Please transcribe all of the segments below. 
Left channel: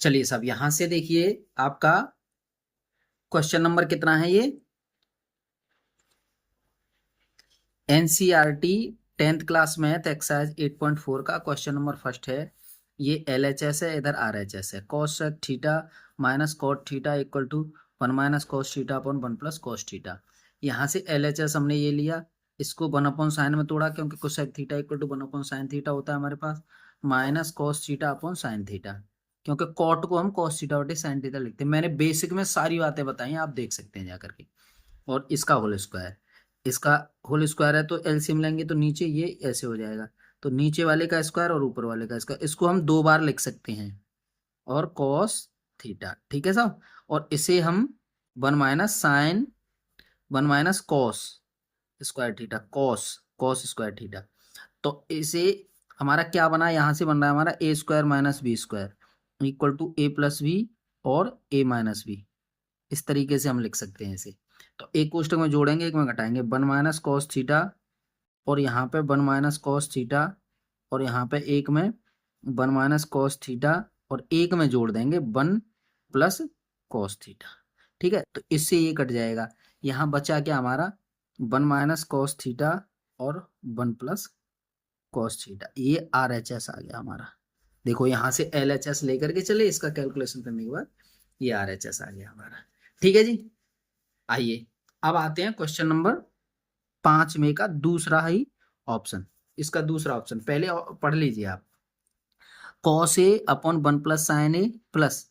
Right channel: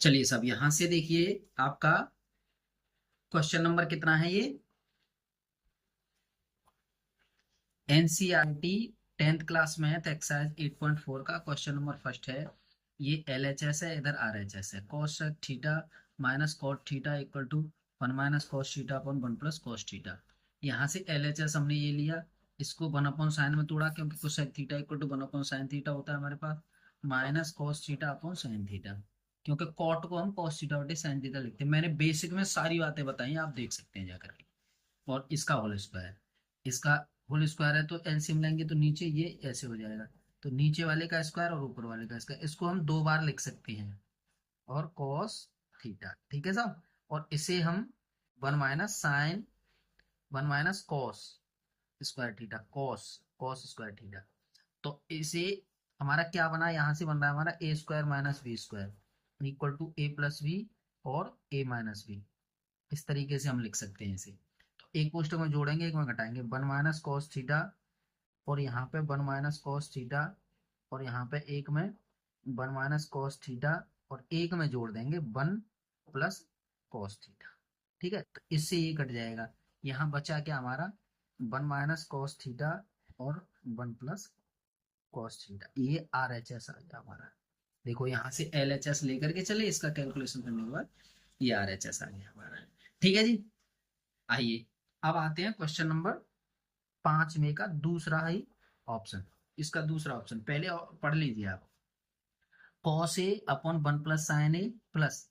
चलिए साहब, यहां से देखिए आपका क्वेश्चन नंबर कितना है ये। NCERT 10th class math exercise 8.4 का क्वेश्चन नंबर फर्स्ट है। ये एलएचएस है, इधर आरएचएस है। Cos theta minus cot theta equal to 1 minus cos theta upon 1 plus cos theta. यहाँ से एलएचएस हमने ये लिया, इसको 1 अपॉन साइन में तोड़ा क्योंकि cosec theta equal to 1 upon sine theta होता है हमारे पास। Minus cos theta upon sine theta, क्योंकि कॉट को हम कॉस थीटा बटे साइन थीटा लिखते हैं। मैंने बेसिक में सारी बातें बताई हैं, आप देख सकते हैं जाकर के। और इसका होल स्क्वायर, इसका होल स्क्वायर है तो एलसीएम लेंगे तो नीचे ये ऐसे हो जाएगा। तो नीचे वाले का स्क्वायर और ऊपर वाले का स्क्वायर, इसको हम 2 बार लिख सकते हैं। और कॉस थीटा, ठीक है साहब। और इसे हम 1 minus cos square theta, cos cos square theta. तो इसे हमारा क्या बना, यहाँ से बन रहा है हमारा A square minus B square equal to A plus B और ए माइनस बी। इस तरीके से हम लिख सकते हैं इसे। तो एक कोष्टक में जोड़ेंगे, एक में घटाएंगे। 1 माइनस कॉस थीटा और यहाँ पे 1 माइनस कॉस थीटा, और यहाँ पे एक में 1 माइनस कॉस थीटा, और एक में जोड़ देंगे 1 प्लस कॉस थीटा। ठीक है, तो इससे ये कट जाएगा। यहाँ बचा क्या हमारा, 1 माइनस कॉस थीटा और 1 प्लस कॉस थीटा। ये RHS आ गया हमारा। देखो यहाँ से LHS लेकर के चले, इसका कैलकुलेशन करने के बाद ये RHS आ गया हमारा। ठीक है जी। आइए अब आते हैं क्वेश्चन नंबर 5 में का दूसरा ही ऑप्शन। इसका दूसरा ऑप्शन पहले पढ़ लीजिए आप। Cos A upon 1 plus sine A plus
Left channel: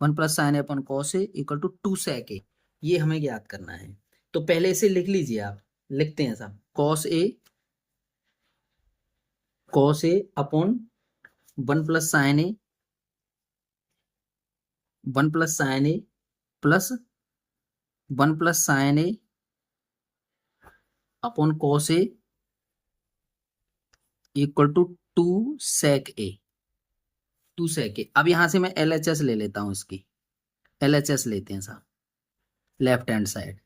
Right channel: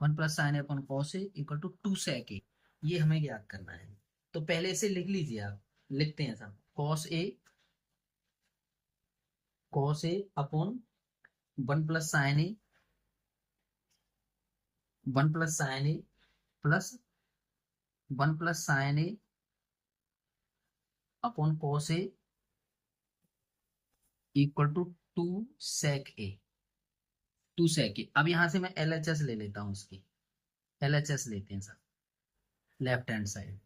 1 plus sine A upon cos A equal to 2 sec A. ये हमें याद करना है, तो पहले इसे लिख लीजिए आप। लिखते हैं साहब, cos A upon 1 plus sine A, 1 plus sine A plus 1 plus sine A upon cos A equal to 2 sec A. 2 sec A. अब यहां से मैं LHS ले लेता हूं इसकी। LHS लेते हैं साहब, left hand side.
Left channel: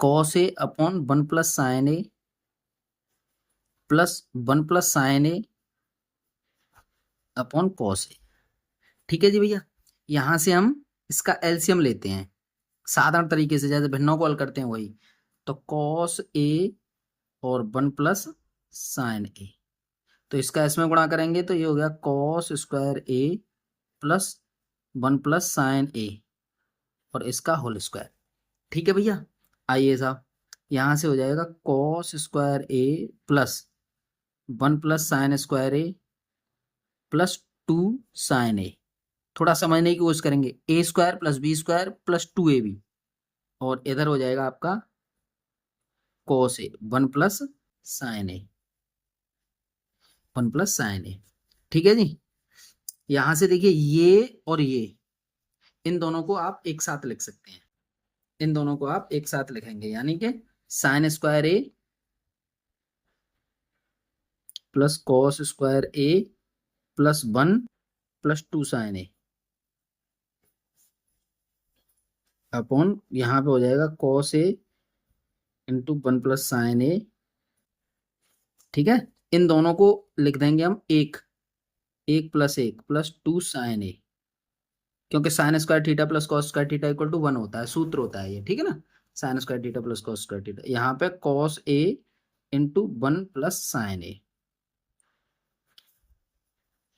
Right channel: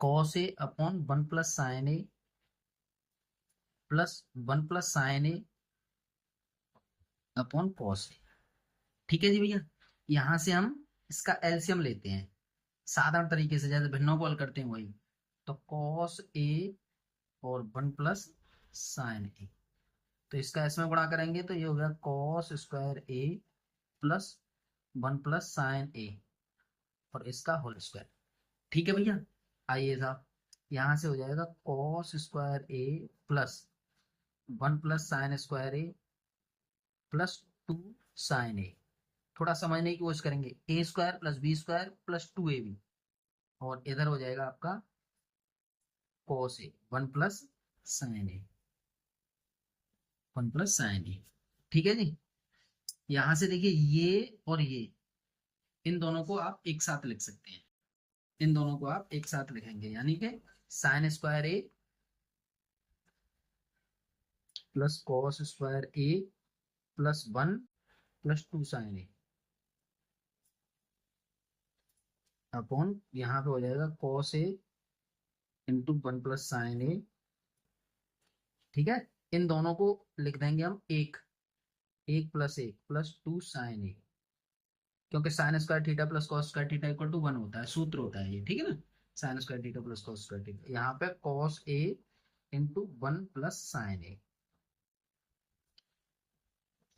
Cos A upon 1 plus sine A plus 1 plus sine A upon cos ए। ठीक है जी भैया। यहां से हम इसका एलसीएम लेते हैं साधारण तरीके से, जैसे भिन्नों को हल करते हैं वही। तो कॉस ए और 1 प्लस साइन ए, तो इसका इसमें गुणा करेंगे तो ये हो गया cos square A plus 1 plus sine A और इसका होल स्क्वायर। ठीक है भैया। आइए साहब, यहां से हो जाएगा cos square A plus 1 plus sine square A plus 2 sine A. थोड़ा समझने की कोशिश करेंगे, A square plus B square plus 2ab, और इधर हो जाएगा आपका cos A 1 plus sine A, 1 plus sine A. ठीक है जी। यहां से देखिए ये और ये, इन दोनों को आप एक साथ लिख सकते हैं। इन दोनों को आप एक साथ लिखेंगे, यानी कि sign square A plus cos square A plus 1 plus 2 sine A upon यहाँ पे हो जाएगा cos A into 1 plus sine A. ठीक है, इन दोनों को लिख देंगे हम एक, 1 प्लस 1 प्लस 2 साइन ए, क्योंकि sine square theta plus cos square theta equal to 1 होता है, सूत्र होता है ये। ठीक है ना, sign square theta plus cos square theta. यहाँ पे cos A into 1 plus sine ए,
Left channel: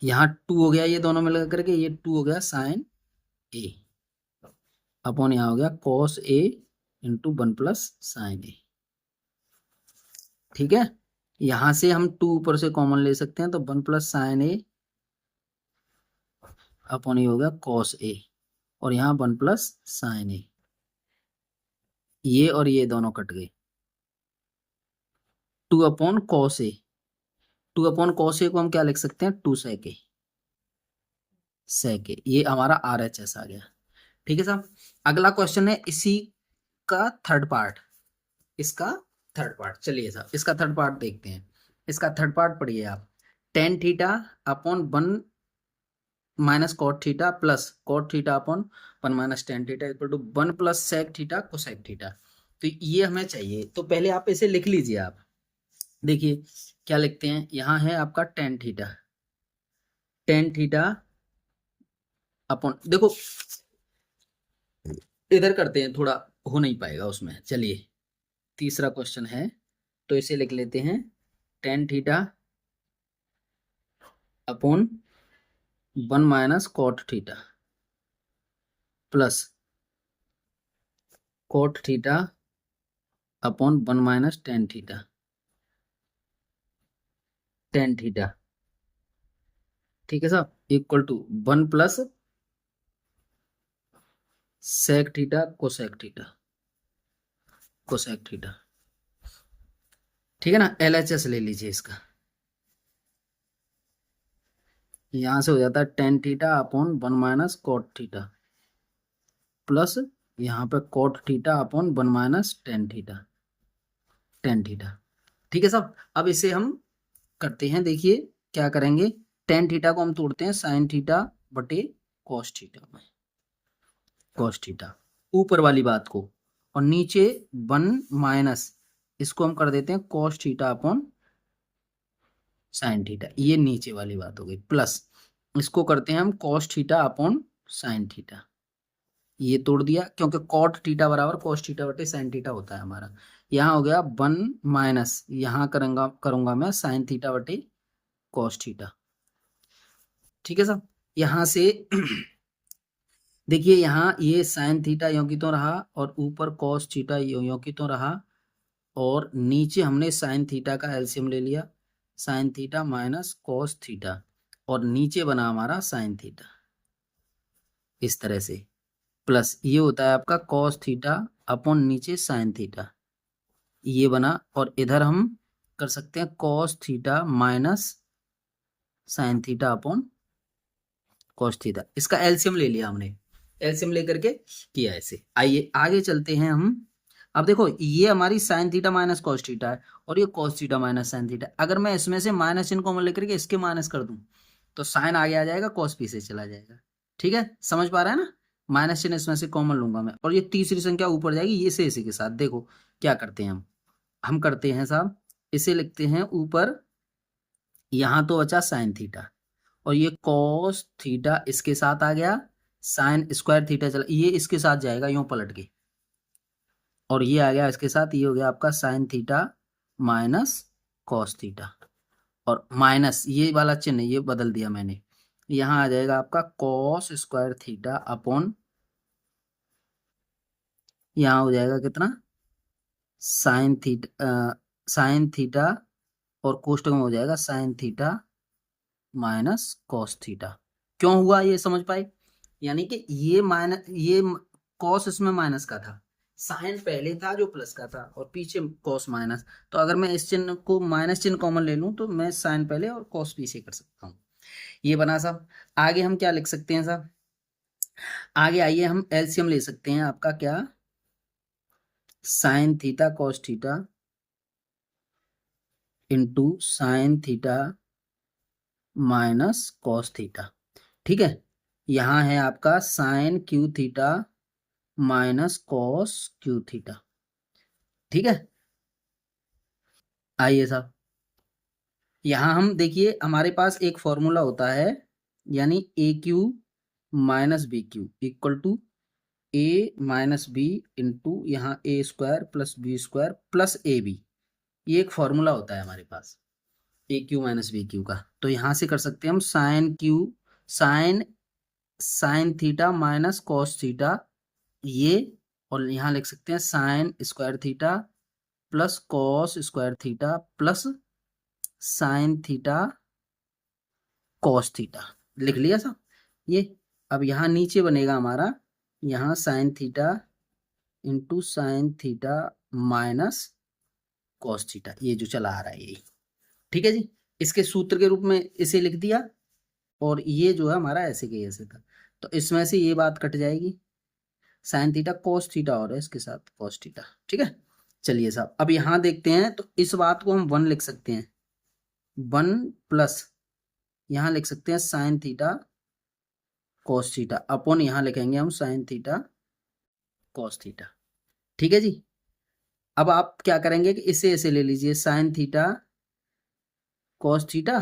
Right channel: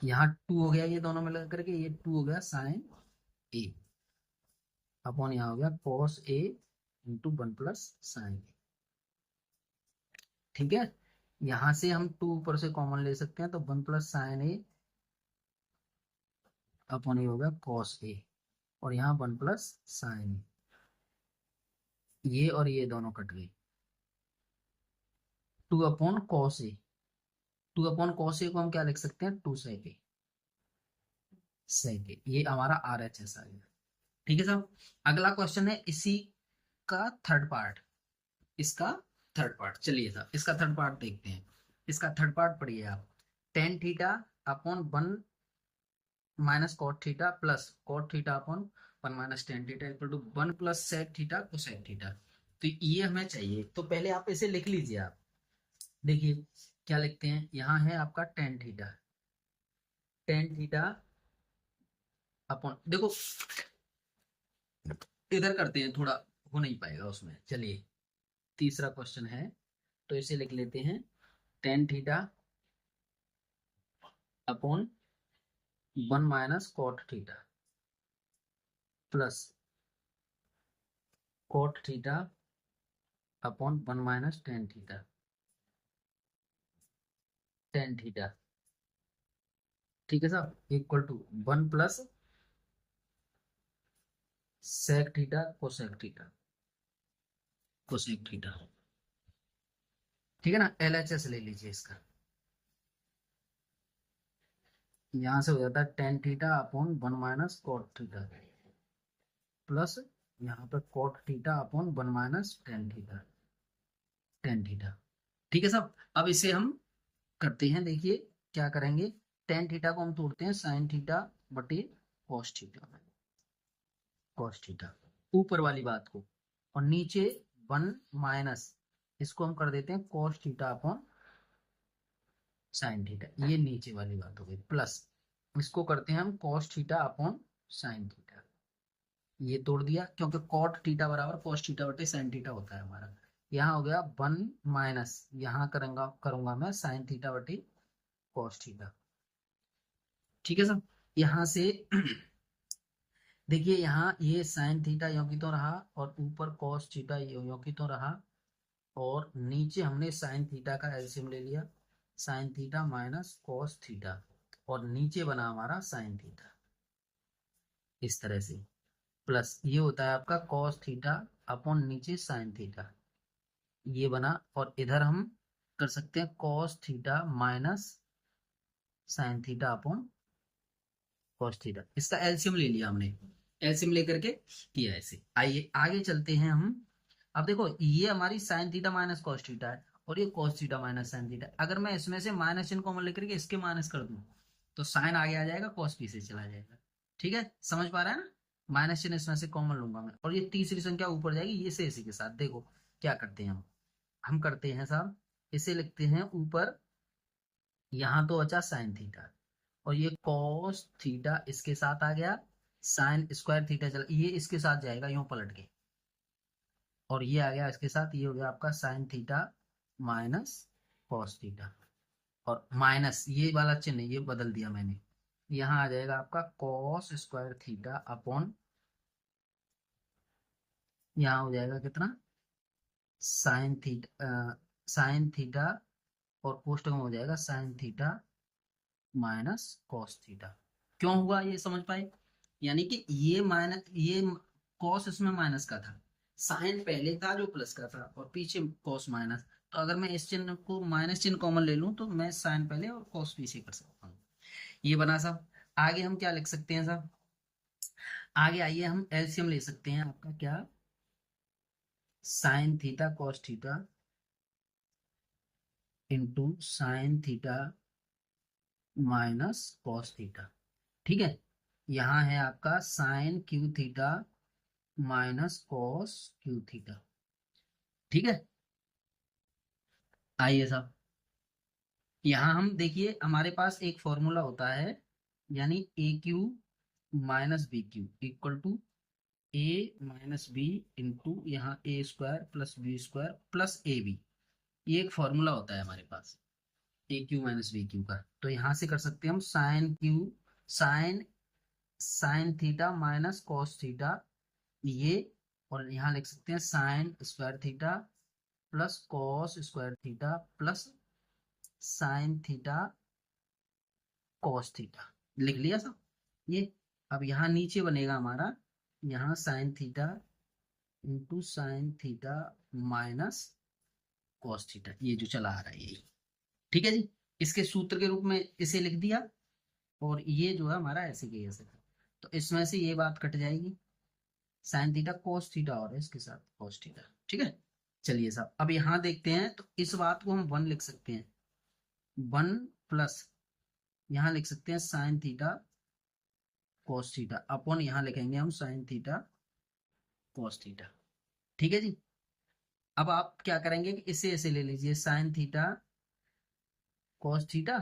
यहाँ 2 हो गया, ये दोनों मिलकर करके ये 2 हो गया साइन ए अपॉन यहाँ हो गया cos A into 1 plus sine A. ठीक है, यहां से हम 2 ऊपर से कॉमन ले सकते हैं, तो 1 प्लस साइन ए अपॉन ये हो गया कॉस ए, और यहाँ 1 प्लस साइन ए। ये और ये दोनों कट गए। 2 अपॉन कॉस ए, 2 अपॉन कॉस ए को हम क्या लिख सकते हैं, 2 sec ए, ये हमारा RHS आ गया। ठीक है साहब। अगला क्वेश्चन है इसी का थर्ड पार्ट, इसका थर्ड पार्ट। चलिए साहब, इसका थर्ड पार्ट देखते हैं। इसका थर्ड पार्ट पढ़िए आप। Tan theta upon 1 minus cot theta plus cot theta upon 1 minus tan theta equal to 1 plus sec theta cosec theta. तो ये हमें चाहिए, तो पहले आप इसे लिख लीजिए आप। देखिए क्या लिखते हैं, यहाँ है आपका टेन थीटा अपॉन, देखो इधर करते हैं, थोड़ा हो नहीं पाएगा उसमें। चलिए तीसरा क्वेश्चन है, तो इसे लिख लेते हैं tan theta upon 1 - cot theta plus cot theta upon 1 - tan theta, tan theta, ठीक है साहब, equal to 1 plus sec theta cosec theta, cosec theta, ठीक है ना। LHS ले लीजिए इसका, यहां से हो जाता है tan theta upon 1 - cot theta plus यहाँ पे cot theta upon 1 - tan theta, tan theta, ठीक है साहब। अब इसे हम करते हैं, देखिए क्या करेंगे, टेन थीटा को हम तोड़ते हैं साइन थीटा बटे कॉस थीटा में, कॉस थीटा ऊपर वाली बात को, और नीचे 1 - इसको हम कर देते हैं cos theta upon sine theta, ये नीचे वाली बात हो गई, प्लस इसको करते हैं हम cos theta upon sine theta, ये तोड़ दिया क्योंकि कॉट थीटा बराबर कॉस थीटा बटे साइन थीटा होता है हमारा। यहाँ हो गया 1 - यहाँ करूंगा करूंगा मैं साइन थीटा बटे कॉस थीटा, ठीक है साहब। यहाँ से देखिए यहाँ ये साइन थीटा यों की तो रहा, और ऊपर कॉस थीटा यों की तो रहा, और नीचे हमने साइन थीटा का एलसीएम ले लिया, sign theta minus cos theta, और नीचे बना हमारा साइन थीटा इस तरह से, प्लस ये होता है आपका कॉस थीटा अपॉन नीचे साइन थीटा, ये बना, और इधर हम कर सकते हैं cos theta minus sine theta upon cos theta, इसका एलसीएम ले लिया हमने, एलसीएम लेकर के किया ऐसे। आइए आगे चलते हैं हम। अब देखो ये हमारी sign theta minus cos theta है, और ये cos theta minus sine theta, अगर मैं इसमें से माइनस चिन्ह कॉमन लेकर के इसके माइनस कर दूं तो साइन आगे आ जाएगा, कॉस पीछे चला जाएगा, ठीक है, समझ पा रहा है ना। माइनस चिन्ह इसमें से कॉमन लूंगा मैं, और ये तीसरी संख्या ऊपर जाएगी ये से इसी के साथ। देखो क्या करते हैं हम करते हैं साहब, इसे लिखते हैं ऊपर, यहां तो बचा साइन थीटा, और ये कॉस थीटा इसके साथ आ गया, साइन स्क्वायर थीटा चला, ये इसके साथ जाएगा यूं पलट के, और ये आ गया इसके साथ, ये हो गया आपका sign theta minus cos theta, और माइनस ये वाला चिन्ह ये बदल दिया मैंने, यहाँ आ जाएगा आपका कॉस स्क्वायर थीटा अपॉन, यहाँ हो जाएगा कितना, साइन थीटा और कोष्टक में हो जाएगा sign theta minus cos theta. क्यों हुआ ये समझ पाए, यानी कि ये माइनस, ये कॉस इसमें माइनस का था, साइन पहले था जो प्लस का था, और पीछे कॉस माइनस, तो अगर मैं इस चिन्ह को माइनस चिन्ह कॉमन ले लूं तो मैं साइन पहले और कॉस पीछे कर सकता हूँ, ये बना साहब। आगे हम क्या लिख सकते हैं साहब, आगे आइए हम एलसीएम ले सकते हैं आपका, क्या, sine theta cos theta into sine theta minus cos theta, ठीक है। यहाँ है आपका sine cube theta minus cos cube theta, ठीक है। आइए साहब, यहाँ हम देखिए हमारे पास एक फॉर्मूला होता है, यानी A cube minus B cube equal to A minus B into यहाँ A square plus B square plus A B, ये एक फॉर्मूला होता है हमारे पास A cube minus B cube का। तो यहाँ से कर सकते हैं हम sine cube, sine sine theta minus cos theta, ये, और यहाँ लिख सकते हैं sine square theta plus cos square theta plus sine theta cos theta, लिख लिया साहब ये। अब यहाँ नीचे बनेगा हमारा, यहाँ sine theta into sine theta minus cos theta, ये जो चला आ रहा है यही, ठीक है जी। इसके सूत्र के रूप में इसे लिख दिया, और ये जो है हमारा ऐसे के ऐसे था, तो इसमें से ये बात कट जाएगी, साइन थीटा कॉस थीटा और है इसके साथ कॉस थीटा, ठीक है। चलिए साहब अब यहाँ देखते हैं, तो इस बात को हम 1 लिख सकते हैं, 1 प्लस यहाँ लिख सकते हैं sign theta cos theta upon यहाँ लिखेंगे हम साइन थीटा कॉस थीटा, ठीक है जी। अब आप क्या करेंगे कि इसे ऐसे ले लीजिए साइन थीटा कॉस थीटा,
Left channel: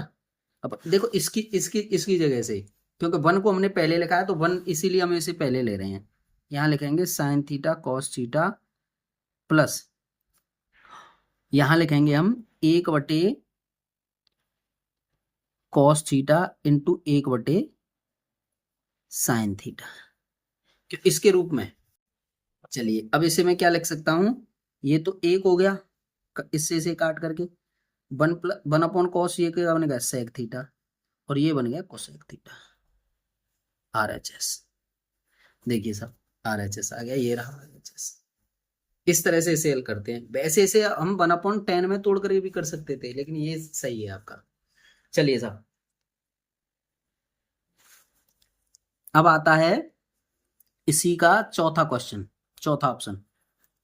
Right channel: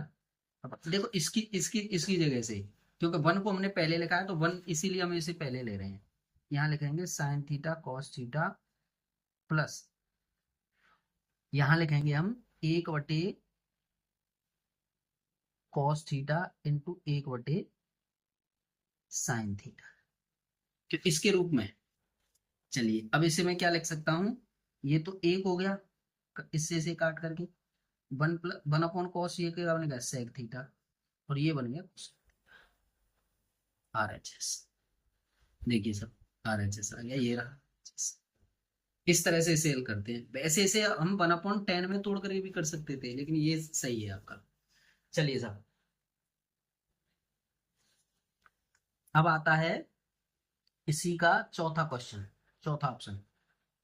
अब देखो इसकी इसकी इसकी जगह से क्योंकि 1 को हमने पहले लिखा है तो 1 इसीलिए हम इसे पहले ले रहे हैं। यहाँ लिखेंगे sign theta cos theta plus यहाँ लिखेंगे हम 1/cos theta into 1/sin theta, तो इसके रूप में। चलिए अब इसे मैं क्या लिख सकता हूं, ये तो 1 हो गया इससे इसे काट करके 1/cos ये क्या बनेगा सेक थीटा, और ये बन गया कोसेक थीटा RHS। देखिए साहब RHS आ गया, ये रहा RHS। इस तरह से इसे हल करते हैं। वैसे इसे हम 1/10 में तोड़ कर भी कर सकते थे, लेकिन ये सही है आपका। चलिए साहब अब आता है इसी का चौथा क्वेश्चन, चौथा ऑप्शन।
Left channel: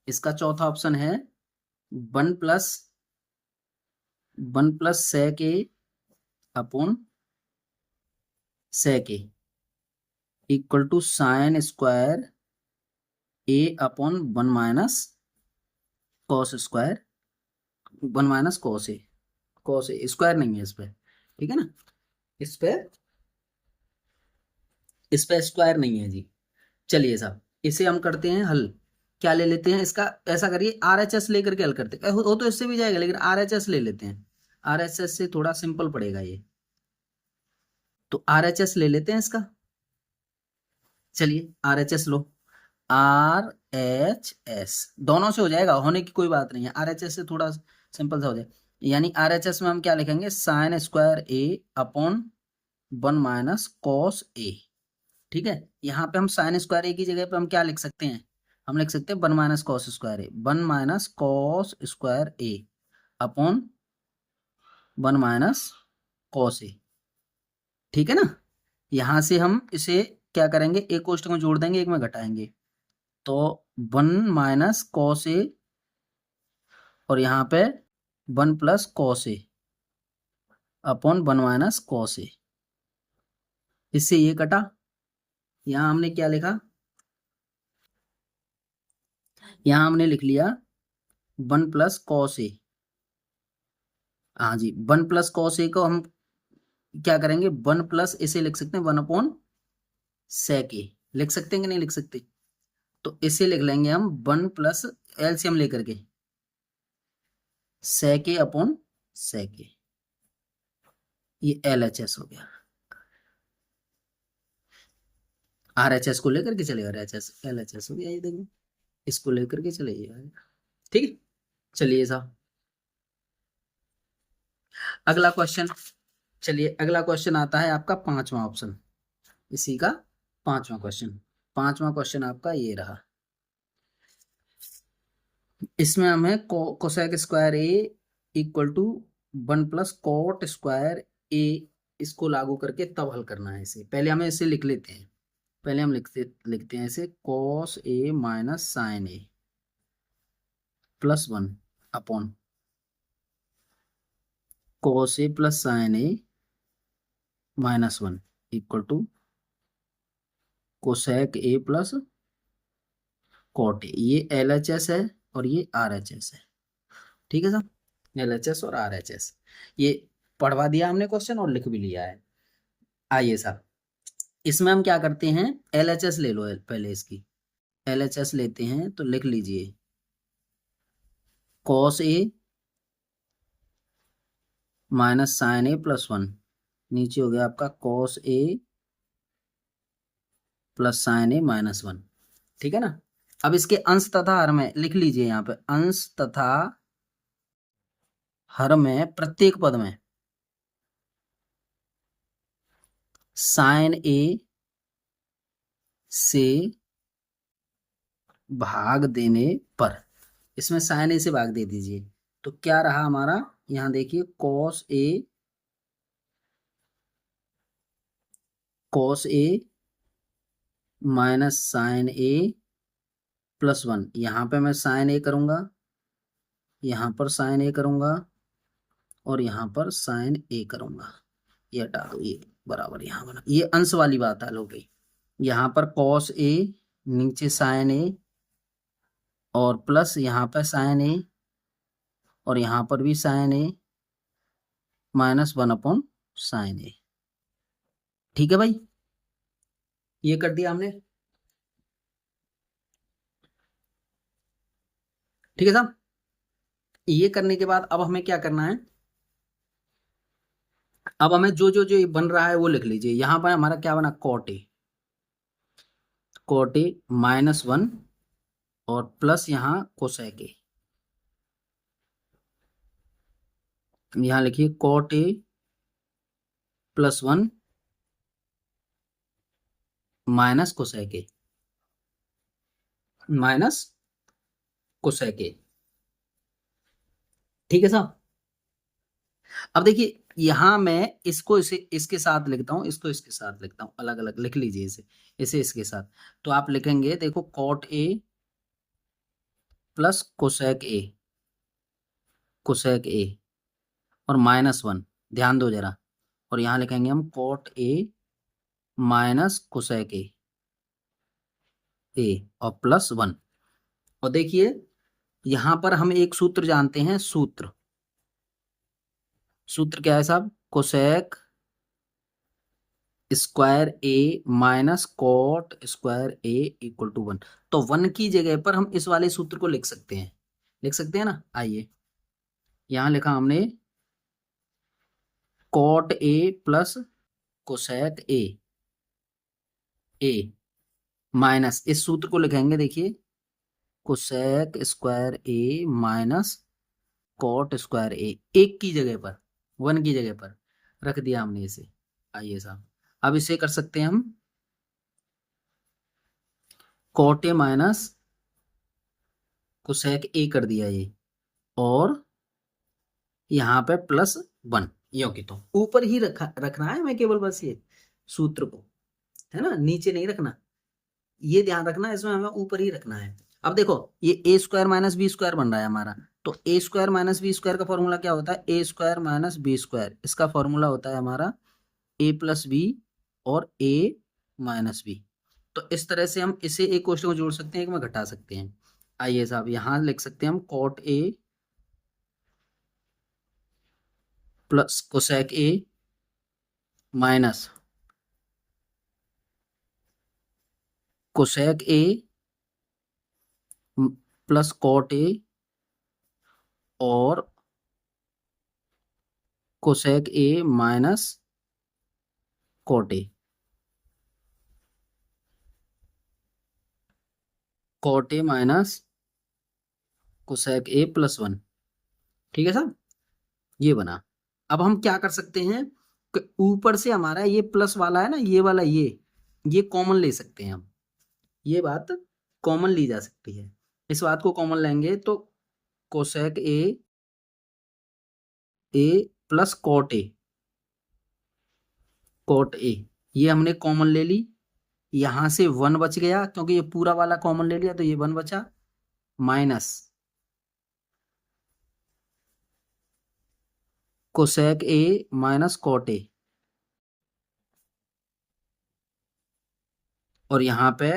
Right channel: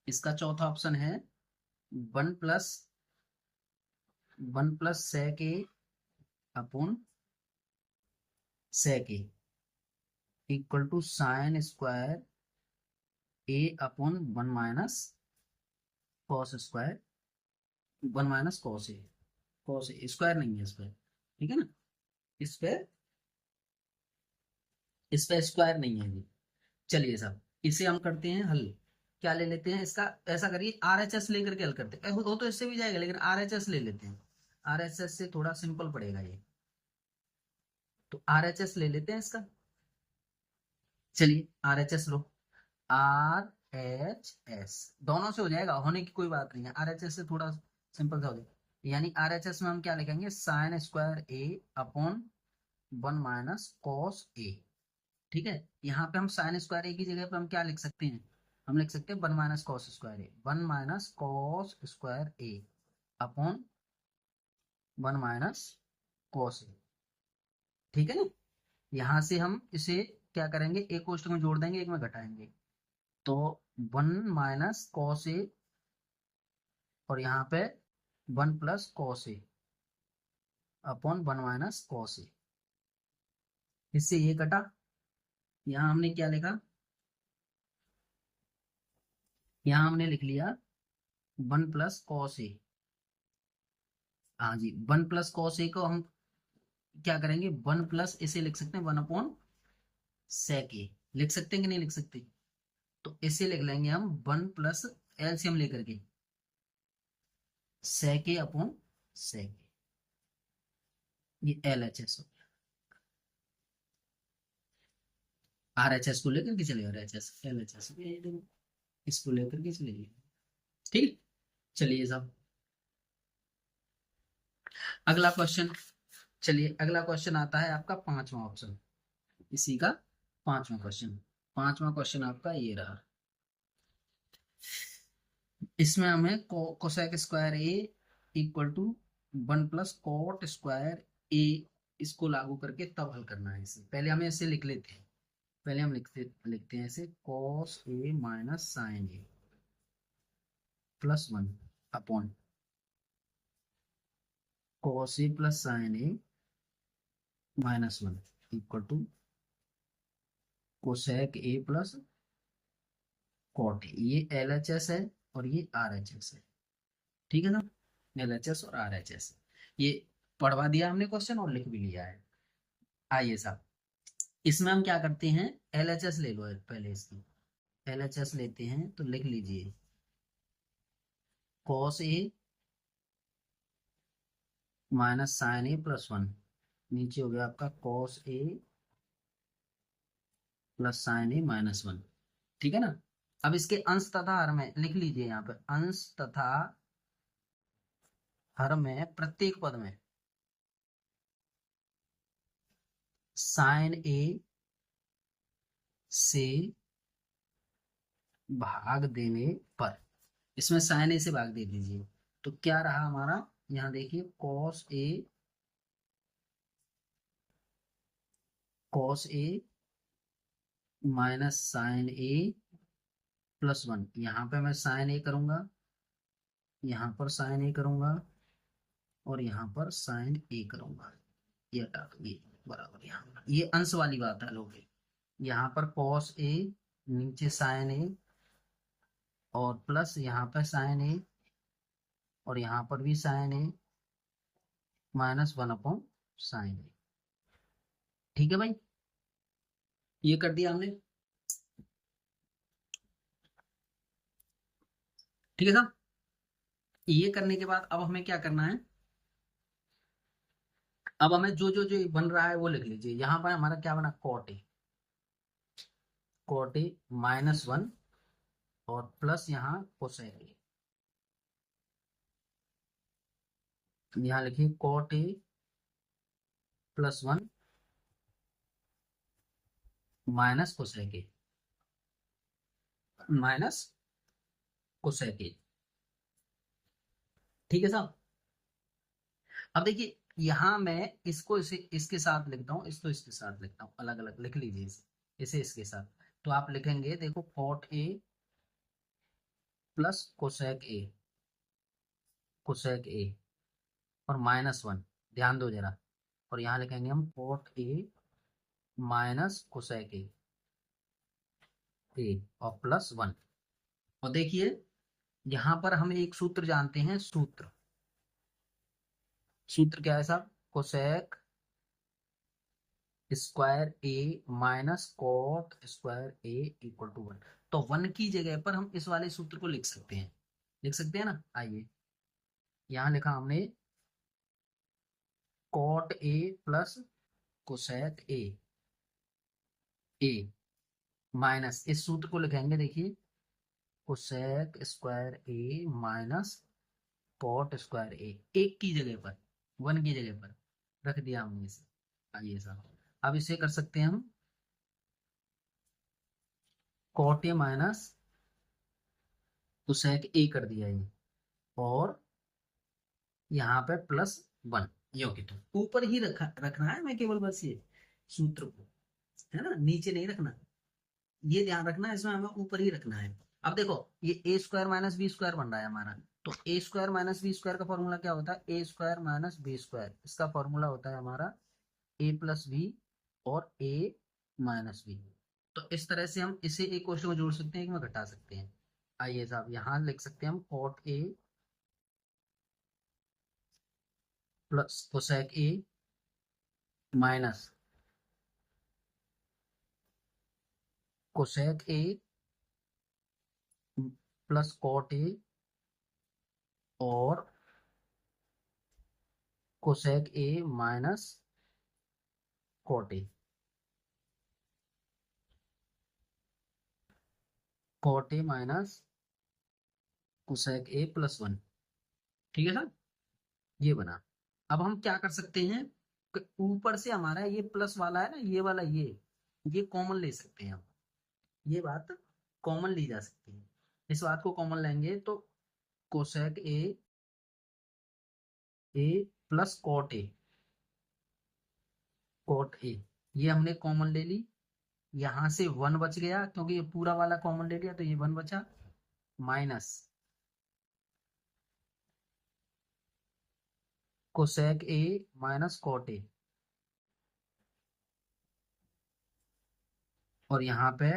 इसका चौथा ऑप्शन है 1 + sec A upon sec A equal to sine square A upon 1 - cos square 1 - cos A। cos A square नहीं है इस पे, ठीक है ना, इस पे स्क्वायर नहीं है जी। चलिए साहब इसे हम करते हैं हल। क्या ले लेते हैं इसका, ऐसा करिए RHS लेकर के हल करते हैं। हो तो इससे भी जाएगा, लेकिन RHS ले लेते हैं। RHS से थोड़ा सिंपल पड़ेगा ये, तो RHS ले लेते हैं इसका। चलिए RHS लो, RHS दोनों से हो जाएगा, होने की कोई बात नहीं है। RHS से थोड़ा सिंपल सा हो जाएगा, यानी RHS में हम क्या लिखेंगे sign square A upon 1 - cos A। ठीक है, यहाँ पे हम साइन स्क्वायर A की जगह पे हम क्या लिख सकते हैं, हम लिख सकते हैं 1 - cos square A, 1 - cos square A upon 1 - cos A। ठीक है ना, यहाँ से हम इसे क्या करेंगे, एक कोष्ठक में जोड़ देंगे, एक में घटाएंगे, तो 1 - cos A और यहाँ पे 1 + cos A upon 1 - cos A। इससे ये कटा, यहाँ हमने क्या लिखा, यहाँ हमने लिख लिया 1 + cos A। हाँ जी 1 + cos A को हम क्या करेंगे 1 प्लस इसे लिख सकते हैं 1/sec A, लिख सकते हैं कि नहीं लिख सकते, तो इसे लिख लेंगे हम 1 + LCM लेकर के sec A upon sec A। ये LHS हो गया, RHS को लेकर के चलेगा, LHS हो गया, ये देखो इसको लेकर के चले जाएगा। ठीक, चलिए साहब अगला क्वेश्चन। चलिए अगला क्वेश्चन आता है आपका 5वां ऑप्शन, इसी का 5वां क्वेश्चन। 5वां क्वेश्चन आपका ये रहा, इसमें हमें cosec square A equal to 1 + cot square A इसको लागू करके तब हल करना है इसे। पहले हमें इसे लिख लेते हैं, पहले हम लिखते हैं इसे cos A - sin A +1 upon cos A + sin A -1 equal to cosec A + cot A। ये LHS है और ये RHS है, ठीक है साहब, LHS और RHS। ये पढ़वा दिया हमने क्वेश्चन और लिख भी लिया है। आइए साहब इसमें हम क्या करते हैं, LHS ले लो पहले, इसकी LHS लेते हैं तो लिख लीजिए cos A - sin A +1, नीचे हो गया आपका cos A + sin A -1। ठीक है ना, अब इसके अंश तथा हर में लिख लीजिए, यहाँ पे अंश तथा हर में प्रत्येक पद में sin A से भाग देने पर, इसमें sin A से भाग दे दीजिए, तो क्या रहा हमारा, यहाँ देखिए cos A -sin A +1, यहाँ पे मैं sin A करूँगा, यहाँ पर sin A करूँगा और यहाँ पर sin A करूँगा, ये हटा दो, ये बराबर यहाँ बना, ये अंश वाली बात हल हो गई। यहाँ पर cos A नीचे sin A और प्लस यहाँ पर sin A और यहाँ पर भी sin A -1/sin A। ठीक है भाई, ये कर दिया हमने, ठीक है साहब। ये करने के बाद अब हमें क्या करना है, अब हमें जो जो जो ये बन रहा है वो लिख लीजिए। यहाँ पर हमारा क्या बना, कॉट ए -1 और प्लस यहाँ कोसेक ए। यहाँ लिखिए cot A +1 minus cosec A, minus cosec A, ठीक है साहब। अब देखिए यहाँ मैं इसको इसे इसके साथ लिखता हूँ, इसको इसके साथ लिखता हूँ, अलग अलग लिख लीजिए इसे, इसे इसके साथ। तो आप लिखेंगे देखो cot A plus cosec A, cosec A और -1, ध्यान दो जरा। और यहाँ लिखेंगे हम cot A minus cosec A और +1। और देखिए यहाँ पर हम एक सूत्र जानते हैं, सूत्र क्या है साहब, cosec square A minus cot square A equal to 1। तो 1 की जगह पर हम इस वाले सूत्र को लिख सकते हैं, लिख सकते हैं ना। आइए यहाँ लिखा हमने cot A plus cosec A minus, इस सूत्र को लिखेंगे देखिए, cosec square A minus cot square A, एक की जगह पर 1 की जगह पर रख दिया हमने इसे। आइए साहब अब इसे कर सकते हैं हम, cot A minus cosec A कर दिया ये, और यहाँ पे +1, यो की तो ऊपर ही रखना है हमें केवल, बस ये सूत्र को, है ना, नीचे नहीं रखना, ये ध्यान रखना, इसमें हमें ऊपर ही रखना है। अब देखो ये a² - b² बन रहा है हमारा, तो a² - b² का फॉर्मूला क्या होता है, a² - b², इसका फॉर्मूला होता है हमारा a + b और a - b। तो इस तरह से हम इसे एक क्वेश्चन को जोड़ सकते हैं, एक में घटा सकते हैं। आइए साहब यहाँ लिख सकते हैं हम cot A plus cosec A minus cosec A plus cot A और cosec A minus cot A, cot A minus cosec A +1, ठीक है साहब, ये बना। अब हम क्या कर सकते हैं कि ऊपर से हमारा ये प्लस वाला है ना, ये वाला ये कॉमन ले सकते हैं हम, ये बात कॉमन ली जा सकती है। इस बात को कॉमन लेंगे तो cosec A plus cot A ये हमने कॉमन ले ली, यहां से 1 बच गया क्योंकि ये पूरा वाला कॉमन ले लिया, तो ये 1 बचा, minus cosec A minus cot A, और यहाँ पे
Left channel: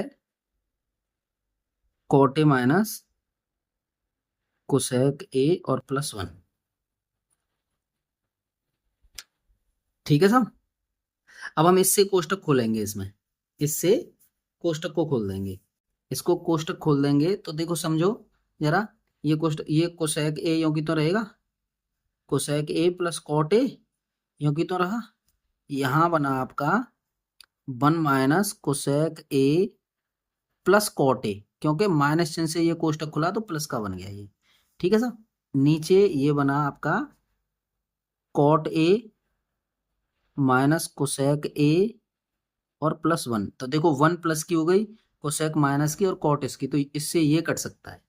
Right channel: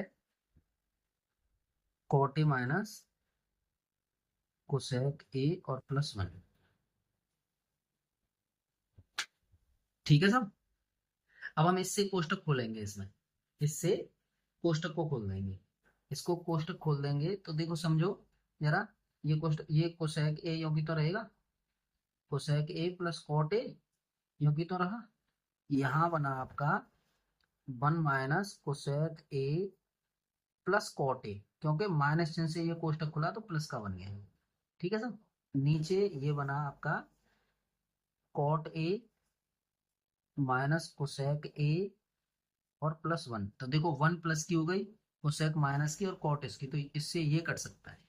cot A minus cosec A और +1, ठीक है साहब। अब हम इससे कोष्टक खोलेंगे, इसमें इससे कोष्टक को खोल देंगे, इसको कोष्टक खोल देंगे तो देखो समझो जरा, ये कोष्टक, ये कोसेक ए यों की तो रहेगा, cosec A plus cot A यों की तो रहा, यहाँ बना आपका 1 minus cosec A plus cot A, क्योंकि माइनस चिन्ह से ये कोष्टक खुला तो प्लस का बन गया ये, ठीक है सर। नीचे ये बना आपका cot A minus cosec A और +1, तो देखो 1 प्लस की हो गई, कोसेक माइनस की और कॉट इसकी, तो इससे ये कट सकता है,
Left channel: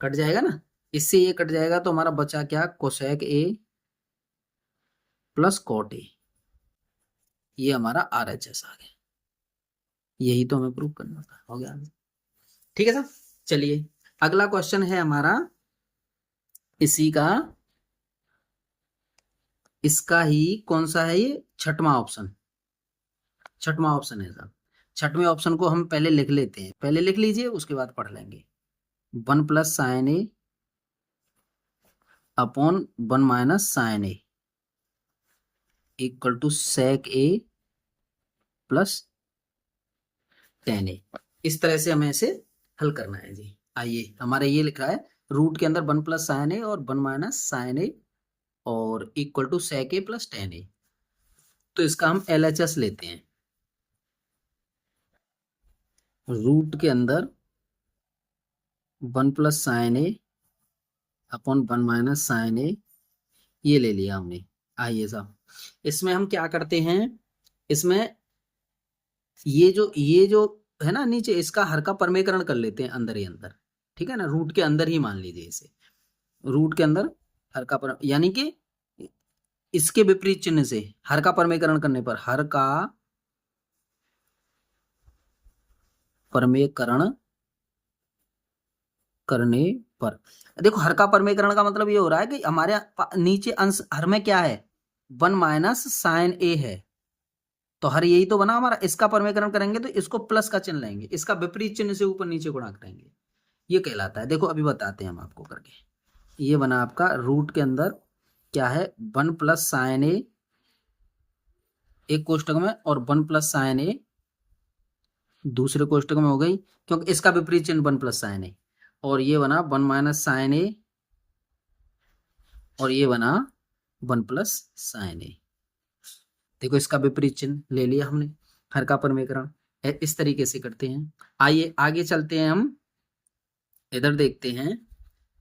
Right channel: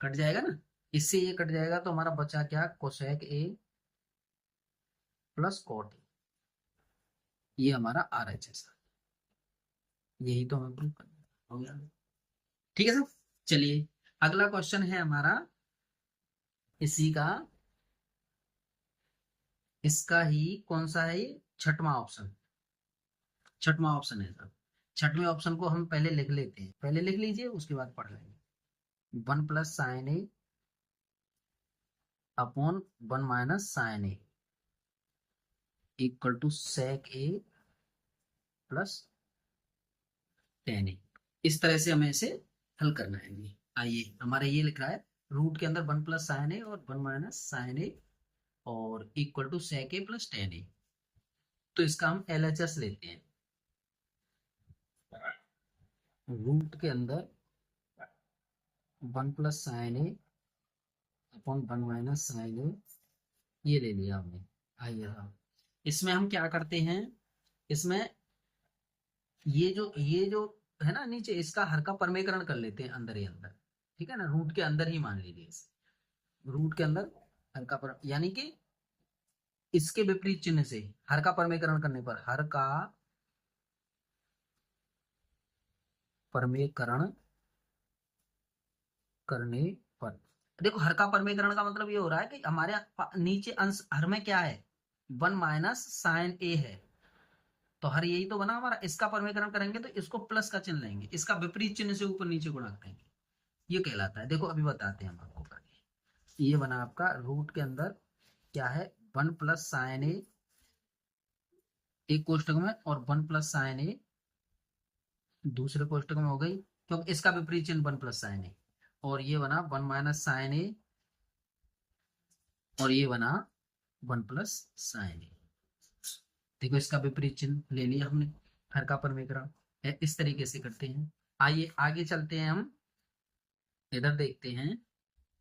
कट जाएगा ना, इससे ये कट जाएगा, तो हमारा बचा क्या, cosec A plus cot A, ये हमारा RHS आ गया। यही तो हमें प्रूव करना था, हो गया, ठीक है सर। चलिए अगला क्वेश्चन है हमारा इसी का, इसका ही कौन सा है, ये छठवां ऑप्शन, छठवां ऑप्शन है साहब। छठवें ऑप्शन को हम पहले लिख लेते हैं, पहले लिख लीजिए उसके बाद पढ़ लेंगे। 1 + sin A upon 1 - sin A equal to sec A plus tan a। इस तरह से हमें इसे हल करना है जी। आइए, हमारा ये लिखा है रूट के अंदर 1 प्लस साइन ए और 1 माइनस साइन ए और equal to sec a plus tan a। तो इसका हम LHS लेते हैं। रूट के अंदर 1 plus sine A upon 1 minus sine A, ये ले लिया हमने। आइए साहब, इसमें हम क्या करते हैं, इसमें ये जो है ना नीचे, इसका हर का परमीकरण कर लेते हैं अंदर ही अंदर, ठीक है ना, रूट के अंदर ही मान लीजिए इसे, रूट के अंदर हर का पर, यानी कि इसके विपरीत चिन्ह से हर का परमीकरण करने पर, हर का परमीकरण करने पर, देखो हर का परमीकरण का मतलब ये हो रहा है कि हमारे नीचे अंश हर में क्या है, 1 माइनस साइन ए है, तो हर यही तो बना हमारा। इसका परमीकरण करेंगे तो इसको प्लस का चिन्ह लेंगे, इसका विपरीत चिन्ह से ऊपर नीचे गुणा करेंगे, ये कहलाता है। देखो अभी बताते हैं हम आपको करके। ये बना आपका रूट के अंदर क्या है, 1 प्लस साइन ए एक कोष्टक में और 1 प्लस साइन ए दूसरे कोष्टक में हो गई, क्योंकि इसका विपरीत चिन्ह 1 प्लस साइन ए, और ये बना 1 माइनस साइन ए और ये बना 1 प्लस साइन ए। देखो इसका विपरीत चिन्ह ले लिया हमने, हर का परमीकरण इस तरीके से करते हैं। आइए आगे चलते हैं, हम इधर देखते हैं।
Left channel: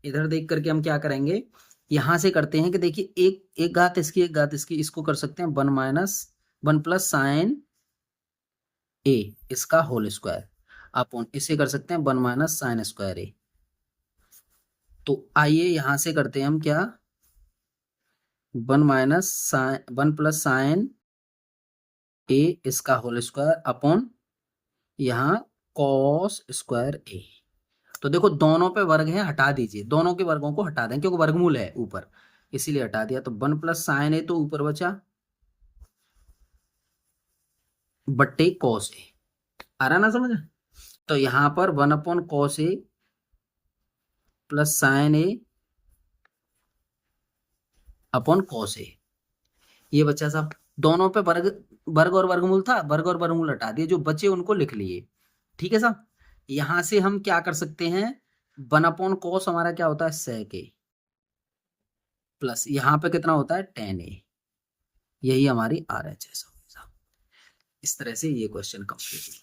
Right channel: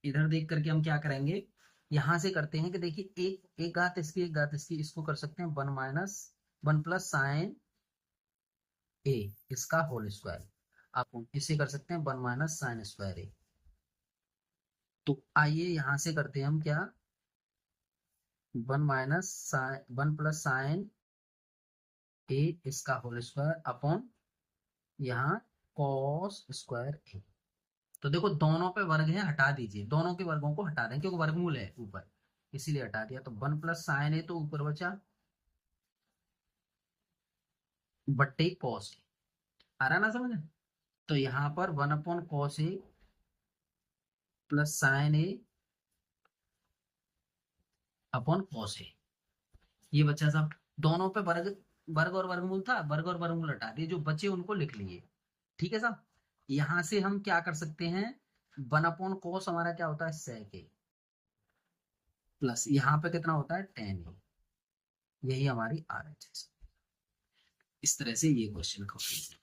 इधर देख करके हम क्या करेंगे, यहां से करते हैं कि देखिए एक घात इसकी एक घात इसकी, इसको कर सकते हैं 1 माइनस 1 प्लस साइन ए इसका होल स्क्वायर अपॉन, इसे कर सकते हैं 1 माइनस साइन स्क्वायर ए। तो आइए यहां से करते हैं हम क्या, 1 माइनस साइन 1 प्लस साइन ए इसका होल स्क्वायर अपॉन यहाँ कॉस स्क्वायर ए। तो देखो दोनों पे वर्ग है, हटा दीजिए, दोनों के वर्गों को हटा दें क्योंकि वर्गमूल है ऊपर, इसीलिए हटा दिया। तो 1 प्लस साइन ए तो ऊपर बचा बट्टे कॉस ए, आ रहा ना समझ। तो यहाँ पर 1 upon cos A plus sine A upon cos ए, ये बच्चा साहब दोनों पे वर्ग, वर्ग और वर्गमूल था, वर्ग और वर्गमूल हटा दिए, जो बचे उनको लिख लिए, ठीक है साहब। यहां से हम क्या कर सकते हैं, 1 अपॉन कॉस हमारा क्या होता है sec a, प्लस यहाँ पे कितना होता है tan a, यही हमारी RHS होगी साहब। इस तरह से ये क्वेश्चन कंप्लीट।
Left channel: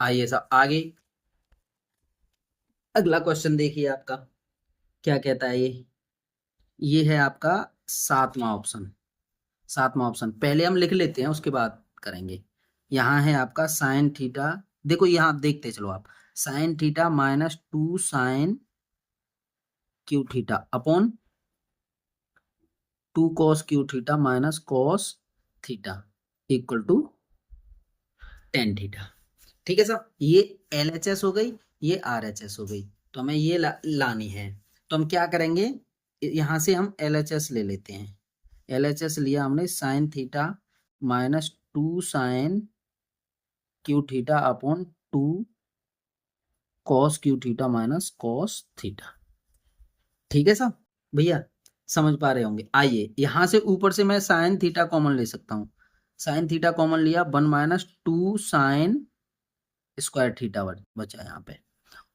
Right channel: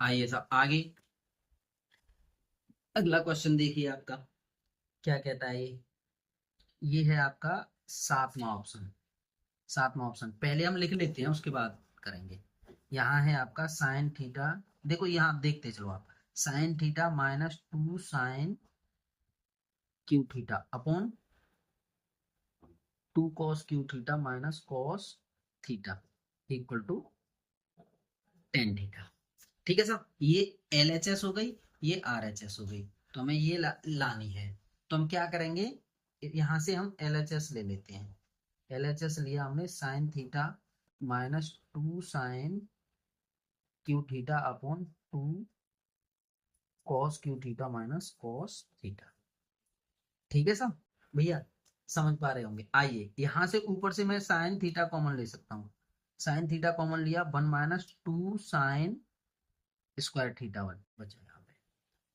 आइए साहब आगे अगला क्वेश्चन देखिए आपका क्या कहता है। ये है आपका 7वां ऑप्शन। 7वां ऑप्शन पहले हम लिख लेते हैं, उसके बाद करेंगे। यहाँ है आपका साइन थीटा, देखो यहाँ देखते चलो आप, sine theta minus 2 sine cube theta upon 2 cos cube theta minus cos theta equal to tan theta, ठीक है साहब। ये LHS हो गई, ये RHS हो गई, तो हमें ये लानी है। तो हम क्या करेंगे, यहाँ से हम LHS ले लेते हैं। LHS लिया हमने, sine theta minus 2 sine cube theta upon 2 cos cube theta minus cos theta, ठीक है साहब भैया, समझ पा रहे होंगे। आइए यहां से ऊपर से मैं साइन थीटा कॉमन ले सकता हूँ, साइन थीटा कॉमन लिया, 1 माइनस 2 साइन स्क्वायर थीटा बचा यहाँ पे,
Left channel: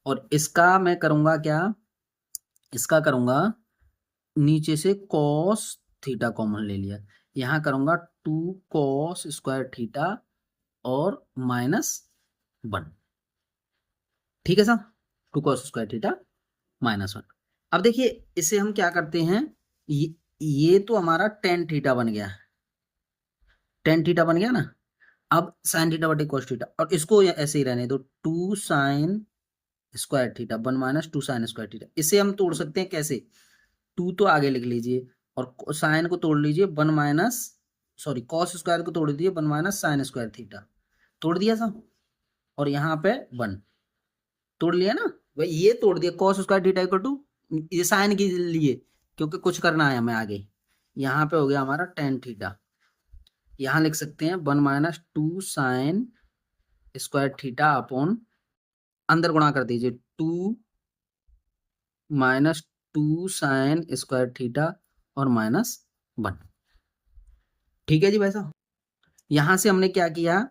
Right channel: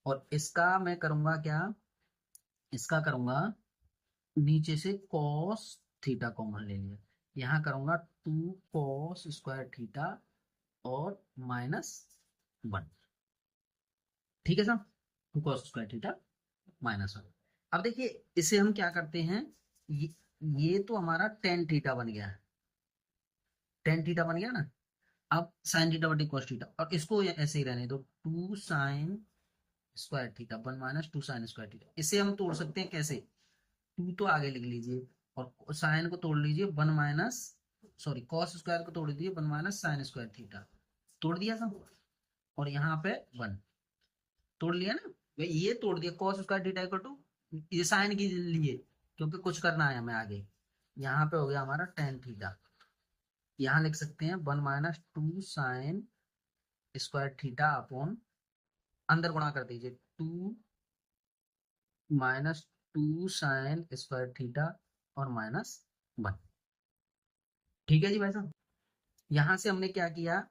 और इसका मैं करूंगा क्या, इसका करूंगा नीचे से कॉस थीटा कॉमन ले लिया, यहाँ करूंगा 2 कॉस स्क्वायर थीटा और माइनस 1, ठीक है साहब, 2 कॉस स्क्वायर थीटा माइनस 1। अब देखिए इसे हम क्या करते हैं, ये तो हमारा टेन थीटा बन गया, टेन थीटा बन गया ना। अब साइन थीटा बटे कॉस थीटा, और इसको ऐसे ही रहने दो, 2 sign square theta 1 minus 2 sign square theta. इसे हम तोड़ सकते हैं कैसे, 2 तो आगे लिख लीजिए और साइन को तोड़ लीजिए 1 माइनस, सॉरी कॉस स्क्वायर को तोड़ दीजिए 1 माइनस साइन स्क्वायर थीटा, तोड़ दिया साहब, और यहाँ पे 1 तोड़ लिया ना भाई, ये तोड़ दिया cos square theta equal to, ये साइन के लिए क्योंकि कुछ करना है हमें आगे, यहाँ पे हो गया हमारा टेन थीटा। यहाँ लिख सकते हैं 1 minus 2 sign square theta upon, अंदर गुणा कर दीजिए 2 माइनस 2 साइन स्क्वायर थीटा और माइनस 1, ठीक है जी भाई साहब। यहां से हमने क्या किया,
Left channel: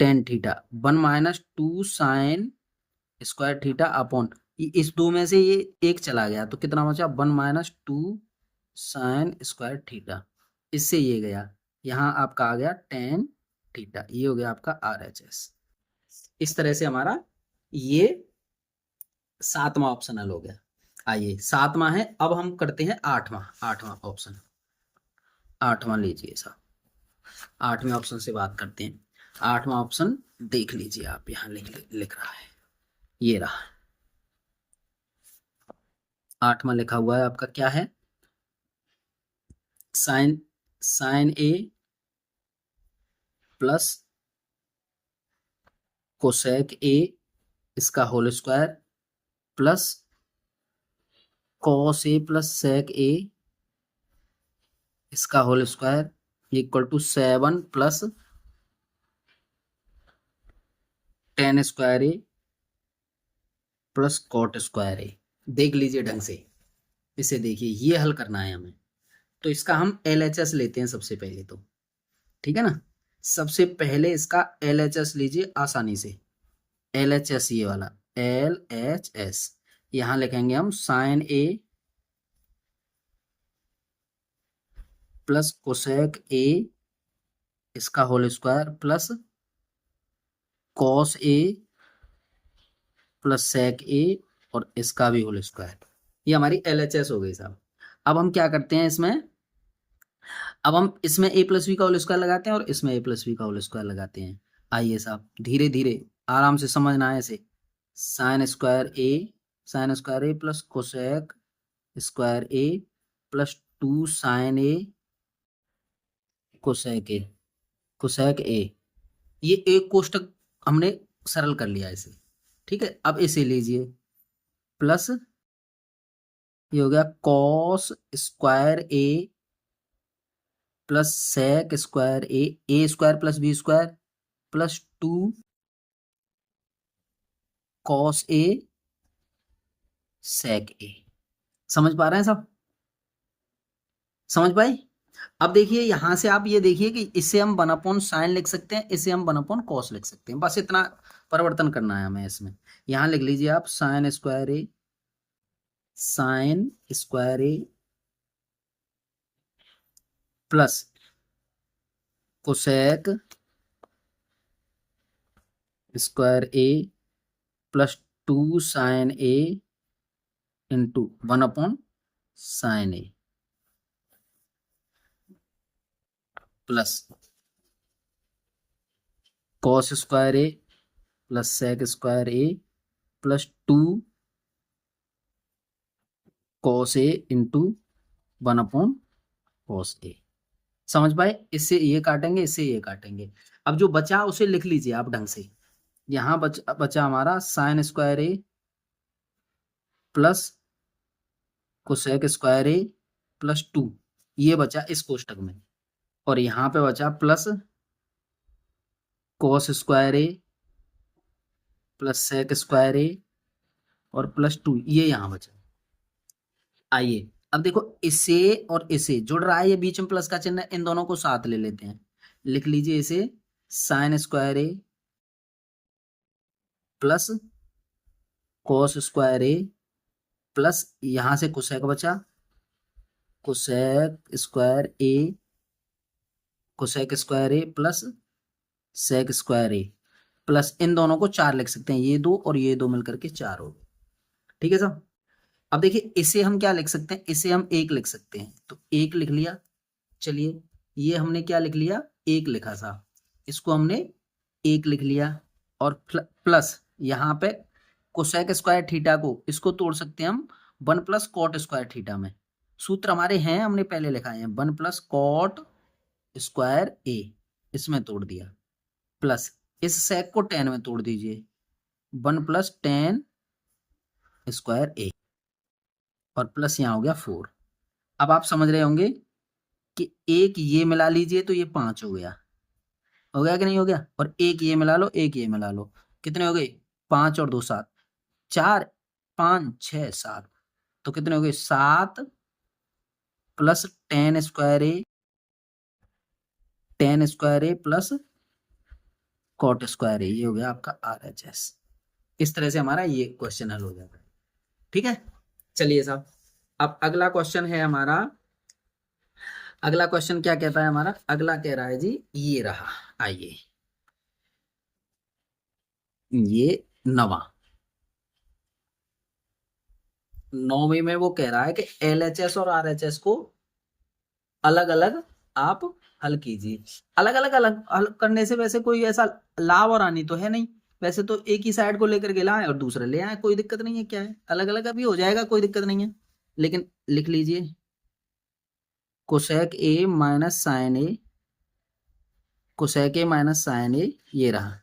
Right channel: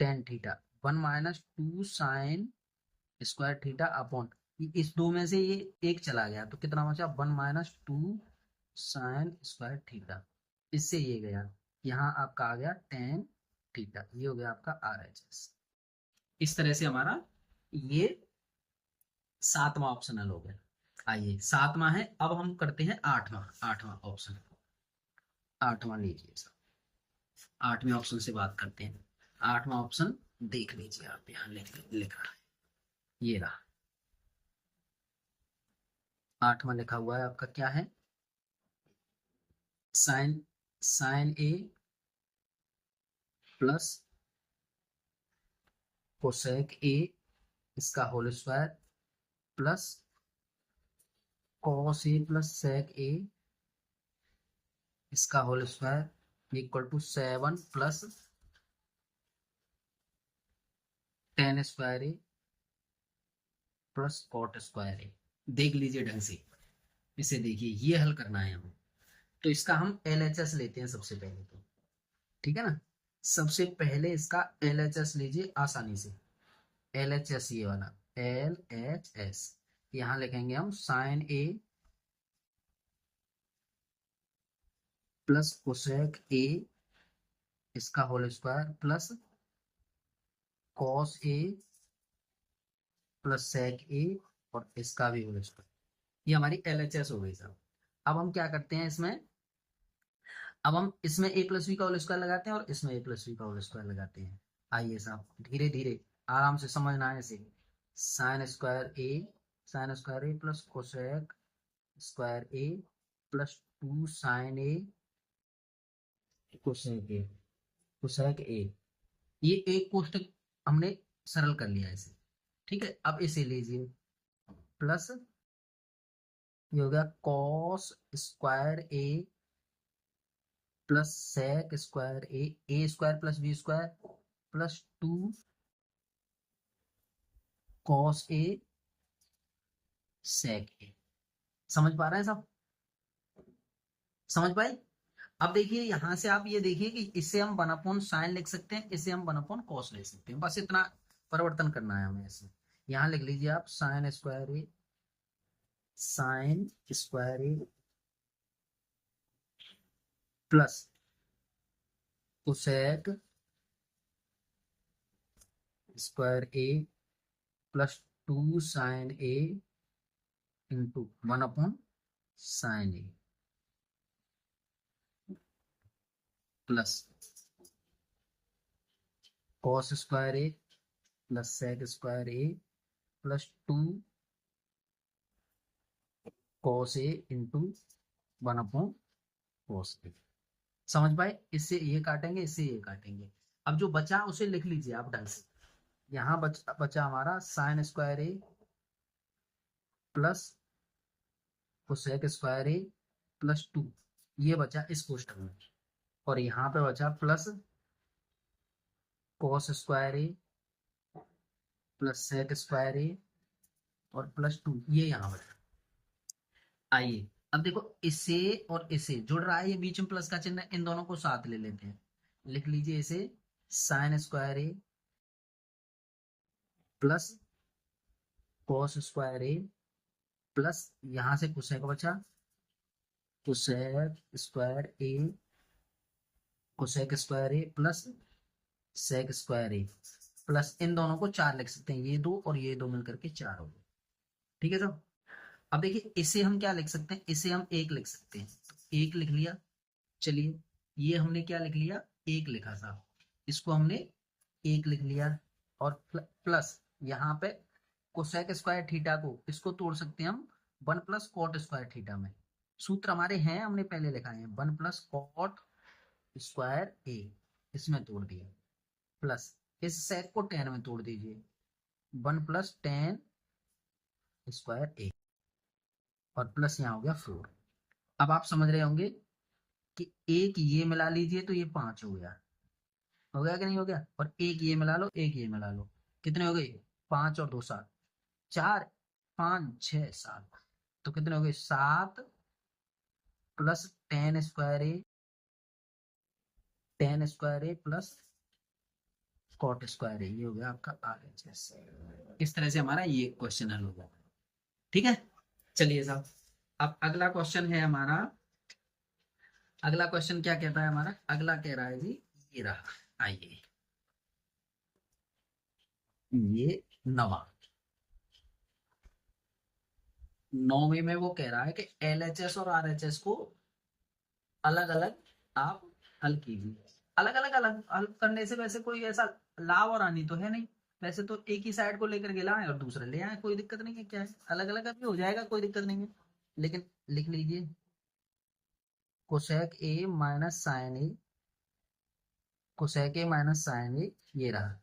tan theta, 1 - 2 sign square theta upon, इस दो में से ये एक चला गया तो कितना बचा, 1 - 2 साइन स्क्वायर थीटा, इससे ये गया, यहाँ आपका आ गया टेन थीटा, ये हो गया आपका RHS। इस तरह से हमारा ये 7वां ऑप्शन हल हो गया। आइए 7वां है, अब हम करते हैं 8वां ऑप्शन। 8वां लीजिए साहब, 8वें ऑप्शन से बात करते हैं। 8वां ऑप्शन देख लीजिए आप, यहाँ लिख रहा है, ये रहा 8वां लिखा हुआ है आपका, क्या है, sine A plus cosec A इसका whole square plus cos A plus sec A इसका whole square equal to 7 plus tan square A plus cot square A. देख लीजिए ढंग से, इसे देखिए, ये हल करना है हमें। तो इसका हम LHS लेते हैं सबसे पहले तो, ठीक है ना। सबसे पहले इसका LHS लीजिए आसानी से, LHS ये वाला LHS, यहाँ लिखेंगे हम sine A plus cosec A इसका whole square plus cos A plus sec A और इसका भी होल स्क्वायर, ये हमारी LHS हो गई साहब। अब हम क्या करते हैं इसमें, अब हम इसमें a प्लस बी का होल स्क्वायर लगाते हैं और इसमें a प्लस बी का होल स्क्वायर लगाते हैं। आइए साहब धीरे धीरे आराम से समझना है इसे। Sine square A plus cosec square A plus 2 sine A cosec A, ये एक कोष्टक हमने सरल कर लिया इसे, ठीक है। अब इसे लीजिए प्लस, ये हो गया cos square A plus sec square A square plus B square plus 2 cos A sec A. समझ पा रहे हैं सब, समझ पाए। अब देखिए यहां से आप ये देखिए कि इसे हम 1/sin लिख सकते हैं, इसे हम 1/cos लिख सकते हैं, बस इतना परिवर्तन करना है हमें इसमें। यहां लिख लीजिए आप sign square A plus cosec square A plus 2 sine A into 1/sin A plus cos square A plus sec square A plus 2 cos A into 1/cos ए। समझ पाए, इससे ये काटेंगे, इससे ये काटेंगे। अब जो बचा उसे लिख लीजिए आप ढंग से। यहाँ बचा हमारा sign square A plus cosec square A plus 2, ये बचा इस कोष्टक में, और यहाँ पे बचा plus cos square A plus sec square ए और प्लस 2, ये यहाँ बचा। आइए अब देखो, इसे और इसे जुड़ रहा है, ये बीच में प्लस का चिन्ह, इन दोनों को साथ ले लेते हैं। लिख लीजिए इसे sine square A plus cos square A plus, यहां से कोसेक बचा, cosec square A plus sec square A plus, इन दोनों को 4 लिख सकते हैं, ये 2 और ये 2 मिलकर के 4 हो गए, ठीक है साहब। अब देखिए इसे हम क्या लिख सकते हैं, इसे हम 1 लिख सकते हैं, तो 1 लिख लिया। चलिए ये हमने क्या लिख लिया, 1 लिखा साहब, इसको हमने 1 लिख लिया, और प्लस यहाँ पे कोसेक स्क्वायर थीटा को इसको तोड़ सकते हैं हम 1 प्लस कॉट स्क्वायर थीटा में। सूत्र हमारे हैं, हमने पहले लिखाए हैं, 1 प्लस कॉट स्क्वायर ए, इसमें तोड़ दिया, प्लस इस सेक को tan में तोड़ दीजिए, 1 प्लस tan स्क्वायर ए, और प्लस यहाँ हो गया 4। अब आप समझ रहे होंगे कि एक ये मिला लीजिए तो ये 5 हो गया कि नहीं हो गया, और एक ये मिला लो, एक ये मिला लो, कितने हो गए, 5 और 2 7, 4 5 6 7, तो कितने हो गए 7 plus tan square A plus cot square ए, ये हो गया आपका RHS। इस तरह से हमारा ये क्वेश्चन हल हो जाता है। ठीक है, चलिए साहब, अब अगला क्वेश्चन है हमारा। अगला क्वेश्चन क्या कहता है हमारा? अगला कह रहा है जी, ये रहा, आइए, ये नवा, नौवीं में वो कह रहा है कि LHS और RHS को अलग अलग आप हल कीजिए। अलग अलग हल करने से वैसे कोई ऐसा लाभ और हानि तो है नहीं, वैसे तो एक ही साइड को लेकर के लाए और दूसरे ले आए, कोई दिक्कत नहीं है, क्या है, अलग अलग अभी हो जाएगा, कोई दिक्कत नहीं है। लेकिन लिख लीजिए cosec A minus sine A, cosec A minus sine A, ये रहा,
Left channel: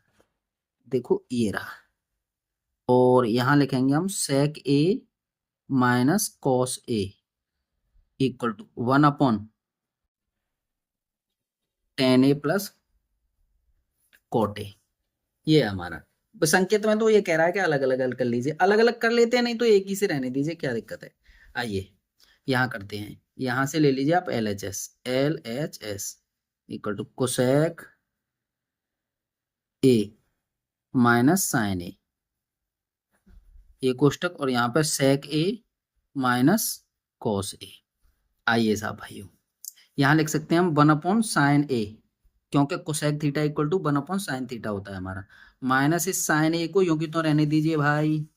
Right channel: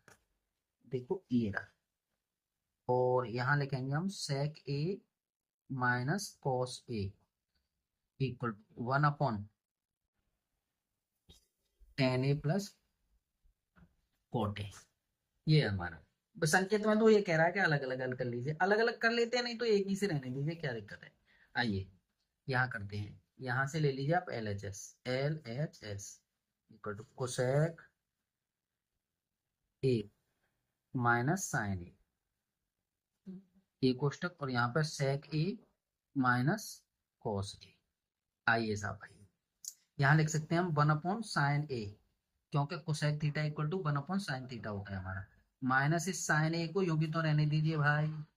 देखो ये रहा, और यहां लिखेंगे हम sec A minus cos A equal to 1/tan A plus cot A. ये है हमारा संकेत में, तो ये कह रहा है कि अलग अलग हल कर लीजिए, अलग अलग कर लेते हैं, नहीं तो एक ही से रहने दीजिए, क्या दिक्कत है। आइए यहाँ करते हैं, यहाँ से ले लीजिए आप LHS equal to cosec A minus sine A, ये कोष्टक, और यहाँ पर सेक ए माइनस कॉस ए। आइए साहब भाइयों, यहाँ लिख सकते हैं हम 1/sin ए, क्योंकि cosec theta equal to 1/sin theta होता है हमारा, माइनस इस साइन ए को यूं की तो रहने दीजिए भाई।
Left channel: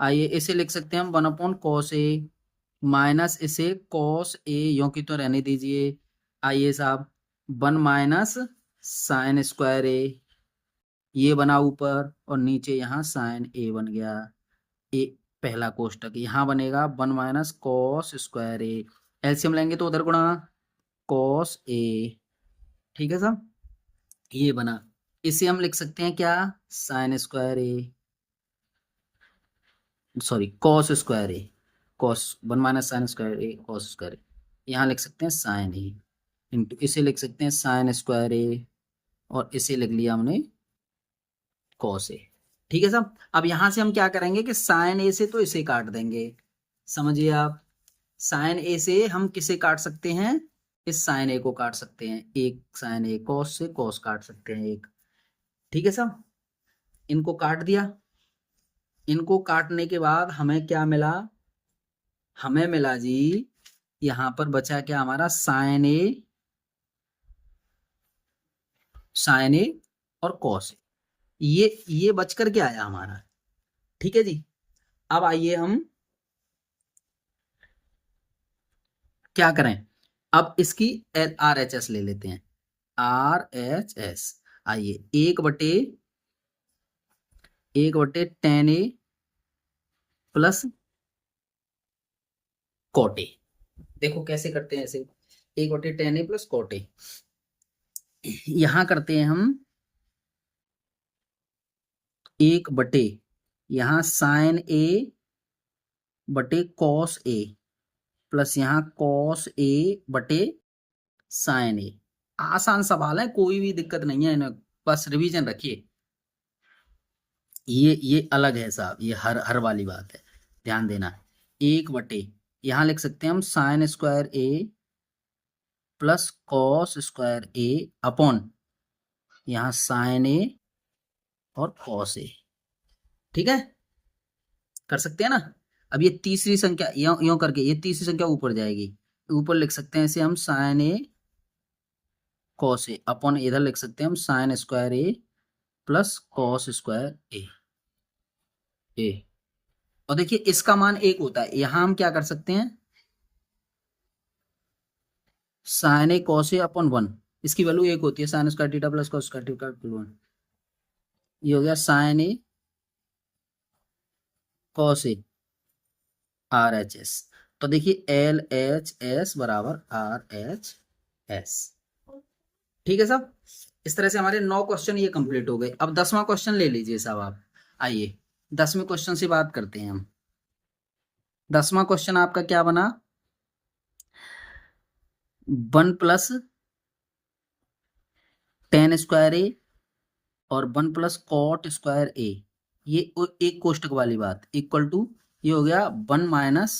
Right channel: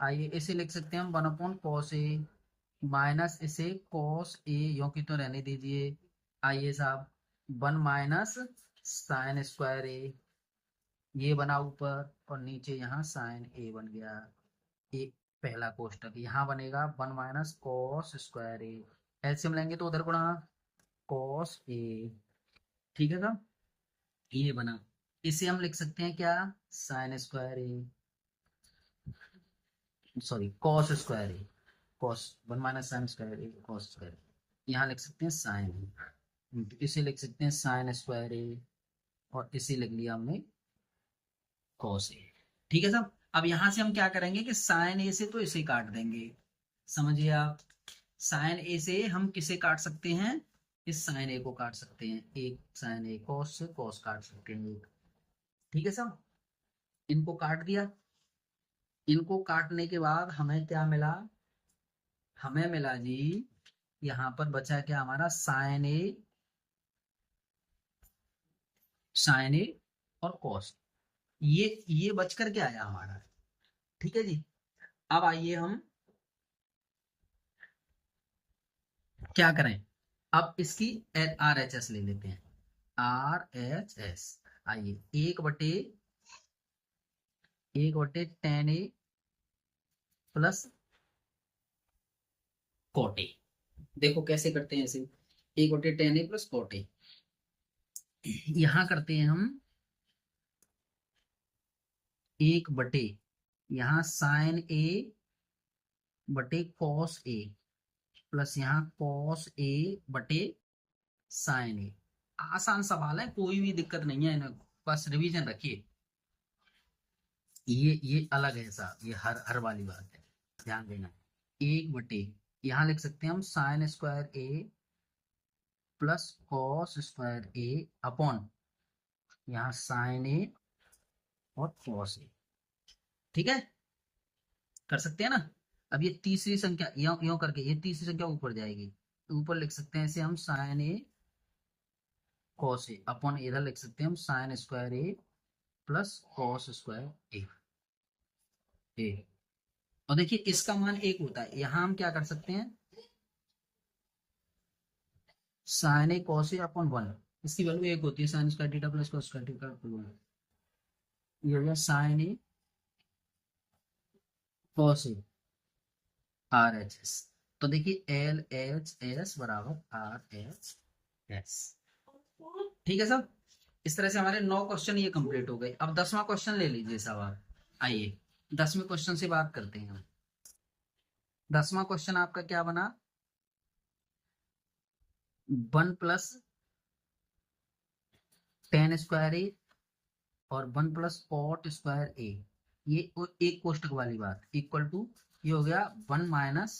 आइए इसे लिख सकते हैं हम 1/cos ए, माइनस इसे cos ए यूं की तो रहने दीजिए। आइए साहब 1 माइनस साइन स्क्वायर ए, ये बना ऊपर, और नीचे यहाँ साइन ए बन गया, ए पहला कोष्टक, यहाँ बनेगा 1 माइनस कॉस स्क्वायर ए, एलसीएम लेंगे तो उधर गुणा कॉस ए। ठीक है साहब, ये बना, इसे हम लिख सकते हैं क्या, साइन स्क्वायर ए, सॉरी कॉस स्क्वायर ए, कॉस 1 माइनस साइन स्क्वायर ए कॉस स्क्वायर ए, यहाँ लिख सकते हैं साइन ए, इंटू इसे लिख सकते हैं साइन स्क्वायर ए, और इसे लिख लिया हमने कॉस ए। ठीक है साहब, अब यहां से हम क्या करेंगे कि साइन ए से तो इसे काट देंगे, समझिए आप, साइन ए से हम किसे काट सकते हैं, इस साइन ए को काट सकते हैं, एक साइन ए, कॉस से कॉस काट सकते हैं एक। ठीक है साहब, इनको काट दिया, इनको काटने के बाद हमें क्या मिला, हमें मिला जी, यहां पर बचा क्या हमारा, साइन ए और कॉस ए, ये बच कर के आया हमारा। ठीक है जी, अब आइए हम क्या करें, अब इसकी RHS ले लेते हैं, RHS। आइए 1/tan ए प्लस कॉट ए, देखो कैसे करते हैं इसे, 1/tan ए प्लस कॉट ए, यहां करते हैं हम 1/, यहाँ साइन ए बटे कॉस ए, प्लस यहाँ कॉस ए बटे साइन ए। आसान सवाल है, कोई भी दिक्कत नहीं है, बस रिवीजन रखिए, ये अलग है साहब, ये हर वाली बात है, ध्यान देना। 1/, यहाँ लिख सकते हैं हम sign square A plus cos square A upon यहाँ साइन ए और कॉस ए। ठीक है, कर सकते हैं ना। अब ये तीसरी संख्या यो करके, ये तीसरी संख्या ऊपर जाएगी, ऊपर लिख सकते हैं इसे हम sine A cos A upon, इधर लिख सकते हैं हम sign square A plus cos square ए। और देखिए इसका मान 1 होता है, यहां हम क्या कर सकते हैं, sign A cos A upon 1, इसकी वैल्यू 1 होती है, sign square theta plus cos square theta 1, ये हो गया sign A cos A RHS। तो देखिए LHS बराबर RHS। ठीक है साहब, इस तरह से हमारे 9 क्वेश्चन ये कंप्लीट हो गए। अब 10वां क्वेश्चन ले लीजिए साहब आप, आइए 10वें क्वेश्चन से बात करते हैं हम। 10वां क्वेश्चन आपका क्या बना, 1 प्लस tan स्क्वायर ए और 1 प्लस कॉट स्क्वायर ए, ये एक कोष्टक वाली बात, इक्वल टू, ये हो गया 1 माइनस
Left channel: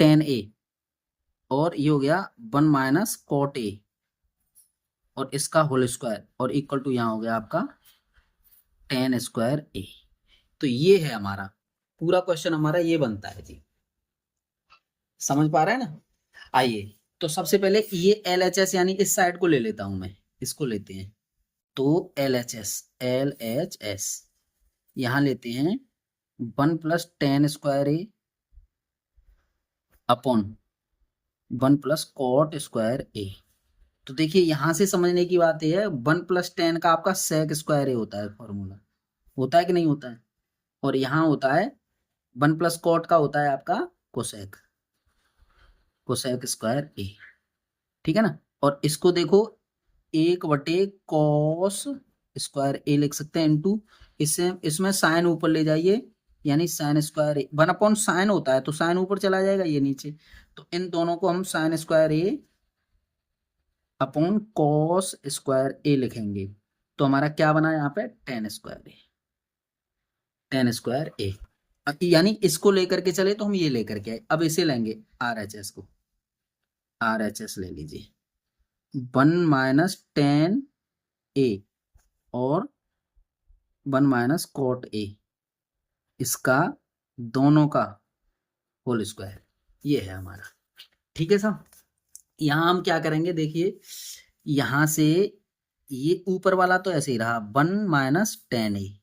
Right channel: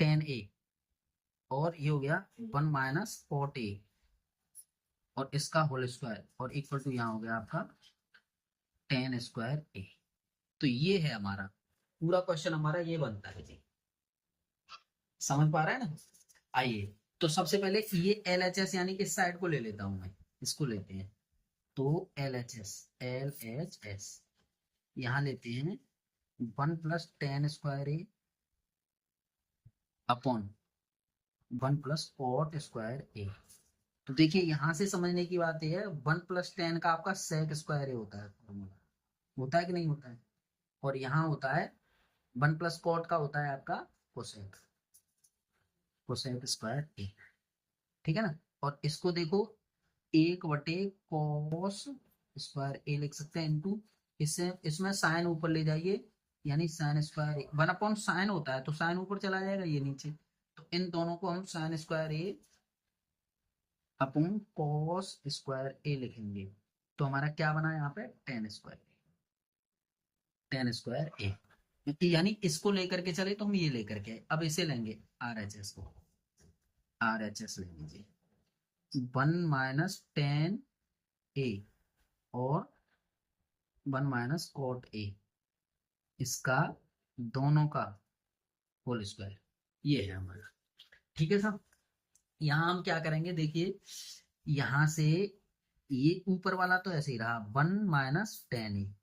tan ए, और ये हो गया 1 माइनस कॉट ए। और इसका होल स्क्वायर और इक्वल टू यहाँ हो गया आपका टेन स्क्वायर ए। तो ये है हमारा पूरा क्वेश्चन, हमारा ये बनता है जी। समझ पा रहे हैं ना? आइए, तो सबसे पहले ये एल एच एस यानी इस साइड को ले लेता हूं मैं, इसको लेते हैं। तो एल एच एस यहां लेते हैं 1 + tan² ए अपॉन 1 + cot² ए। तो देखिए यहां से समझने की बात यह है, 1 + tan का आपका sec² ए होता है, फॉर्मूला होता है कि नहीं होता है? और यहाँ होता है 1 + cot का होता है आपका कोसेक² ए। ठीक है ना? और इसको देखो 1/cos² ए लिख सकते हैं इनटू, इससे इसमें साइन ऊपर ले जाइए, यानी sin² ए 1/sin होता है, तो साइन ऊपर चला जाएगा, ये नीचे। तो इन दोनों को हम sin² ए अपॉन cos² ए लिखेंगे। तो हमारा क्या बना यहाँ पे? tan² ए। यानी इसको लेकर के चले तो हम ये लेकर के आए, अब इसे लेंगे RHS को, RHS ले लीजिए 1 - tan ए और 1 - cot ए, इसका दोनों का होल स्क्वायर, ये है हमारा। ठीक है साहब, यहाँ हम क्या करेंगे, देखिए यहां से ये ऊपर वाला तो ऐसे ही रहा 1 - tan ए,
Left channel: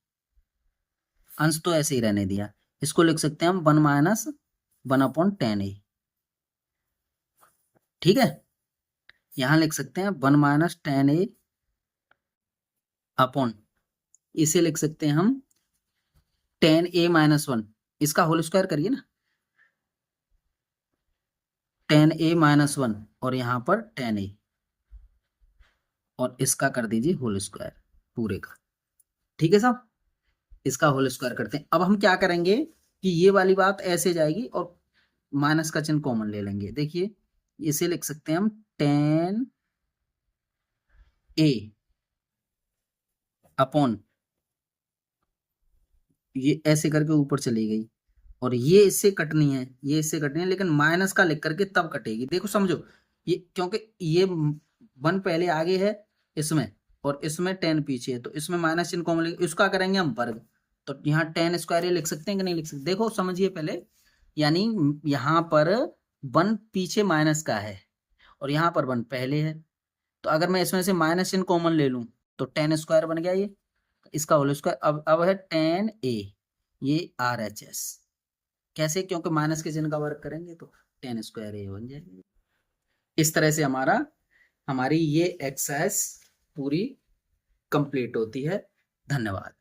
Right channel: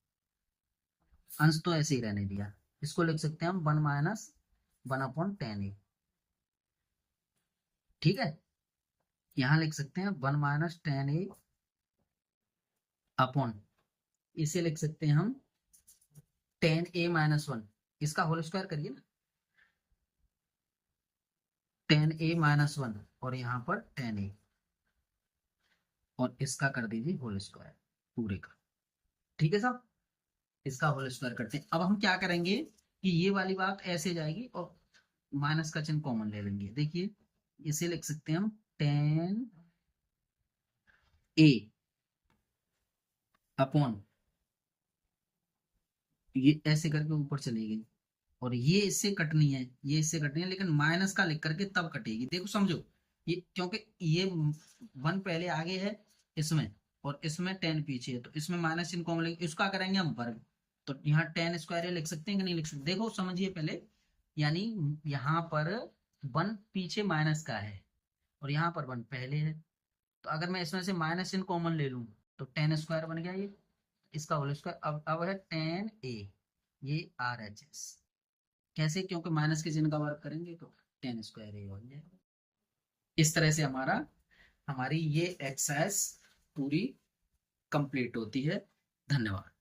अंश तो ऐसे ही रहने दिया, इसको लिख सकते हैं हम 1 - 1/tan ए। ठीक है, यहां लिख सकते हैं 1 - tan ए अपॉन, इसे लिख सकते हैं हम tan a - 1, इसका होल स्क्वायर करिए ना, tan a - 1 और यहाँ पर tan a, और इसका कर दीजिए होल स्क्वायर पूरे का। ठीक है साहब, इसका होल स्क्वायर करते हैं। अब हम क्या करेंगे कि ये वाली बात ऐसे जाएगी और माइनस का चिन्ह कॉमन ले लेंगे। देखिए इसे लिख सकते हैं हम tan a अपॉन, ये ऐसे करके ऊपर चली गई, और ये इससे कटनी है, ये इससे कटनी है, लेकिन माइनस का लिख करके तब कटेगी। देखो समझो, ये क्योंकि ये 1 पहले आगे है इसमें, और इसमें 10 पीछे है, तो इसमें माइनस चिन्ह कॉमन लेंगे, इसका करेंगे हम वर्ग। तो यहाँ tan² लिख सकते हैं कि नहीं लिख सकते? देखो समझिए पहले, यानी यहाँ पर 1 पीछे माइनस का है और यहाँ पर 1 पहले है, तो अगर मैं इसमें से माइनस चिन्ह कॉमन ले लूँ तो tan² बन गया ये, इसका होल स्क्वायर। अब है tan a, ये RHS कैसे? क्योंकि माइनस के चिन्ह का वर्ग करेंगे तो tan² a बन जाएगा। इस तरह से हमारी ये एक्सरसाइज पूरी कंप्लीट होती है। धन्यवाद।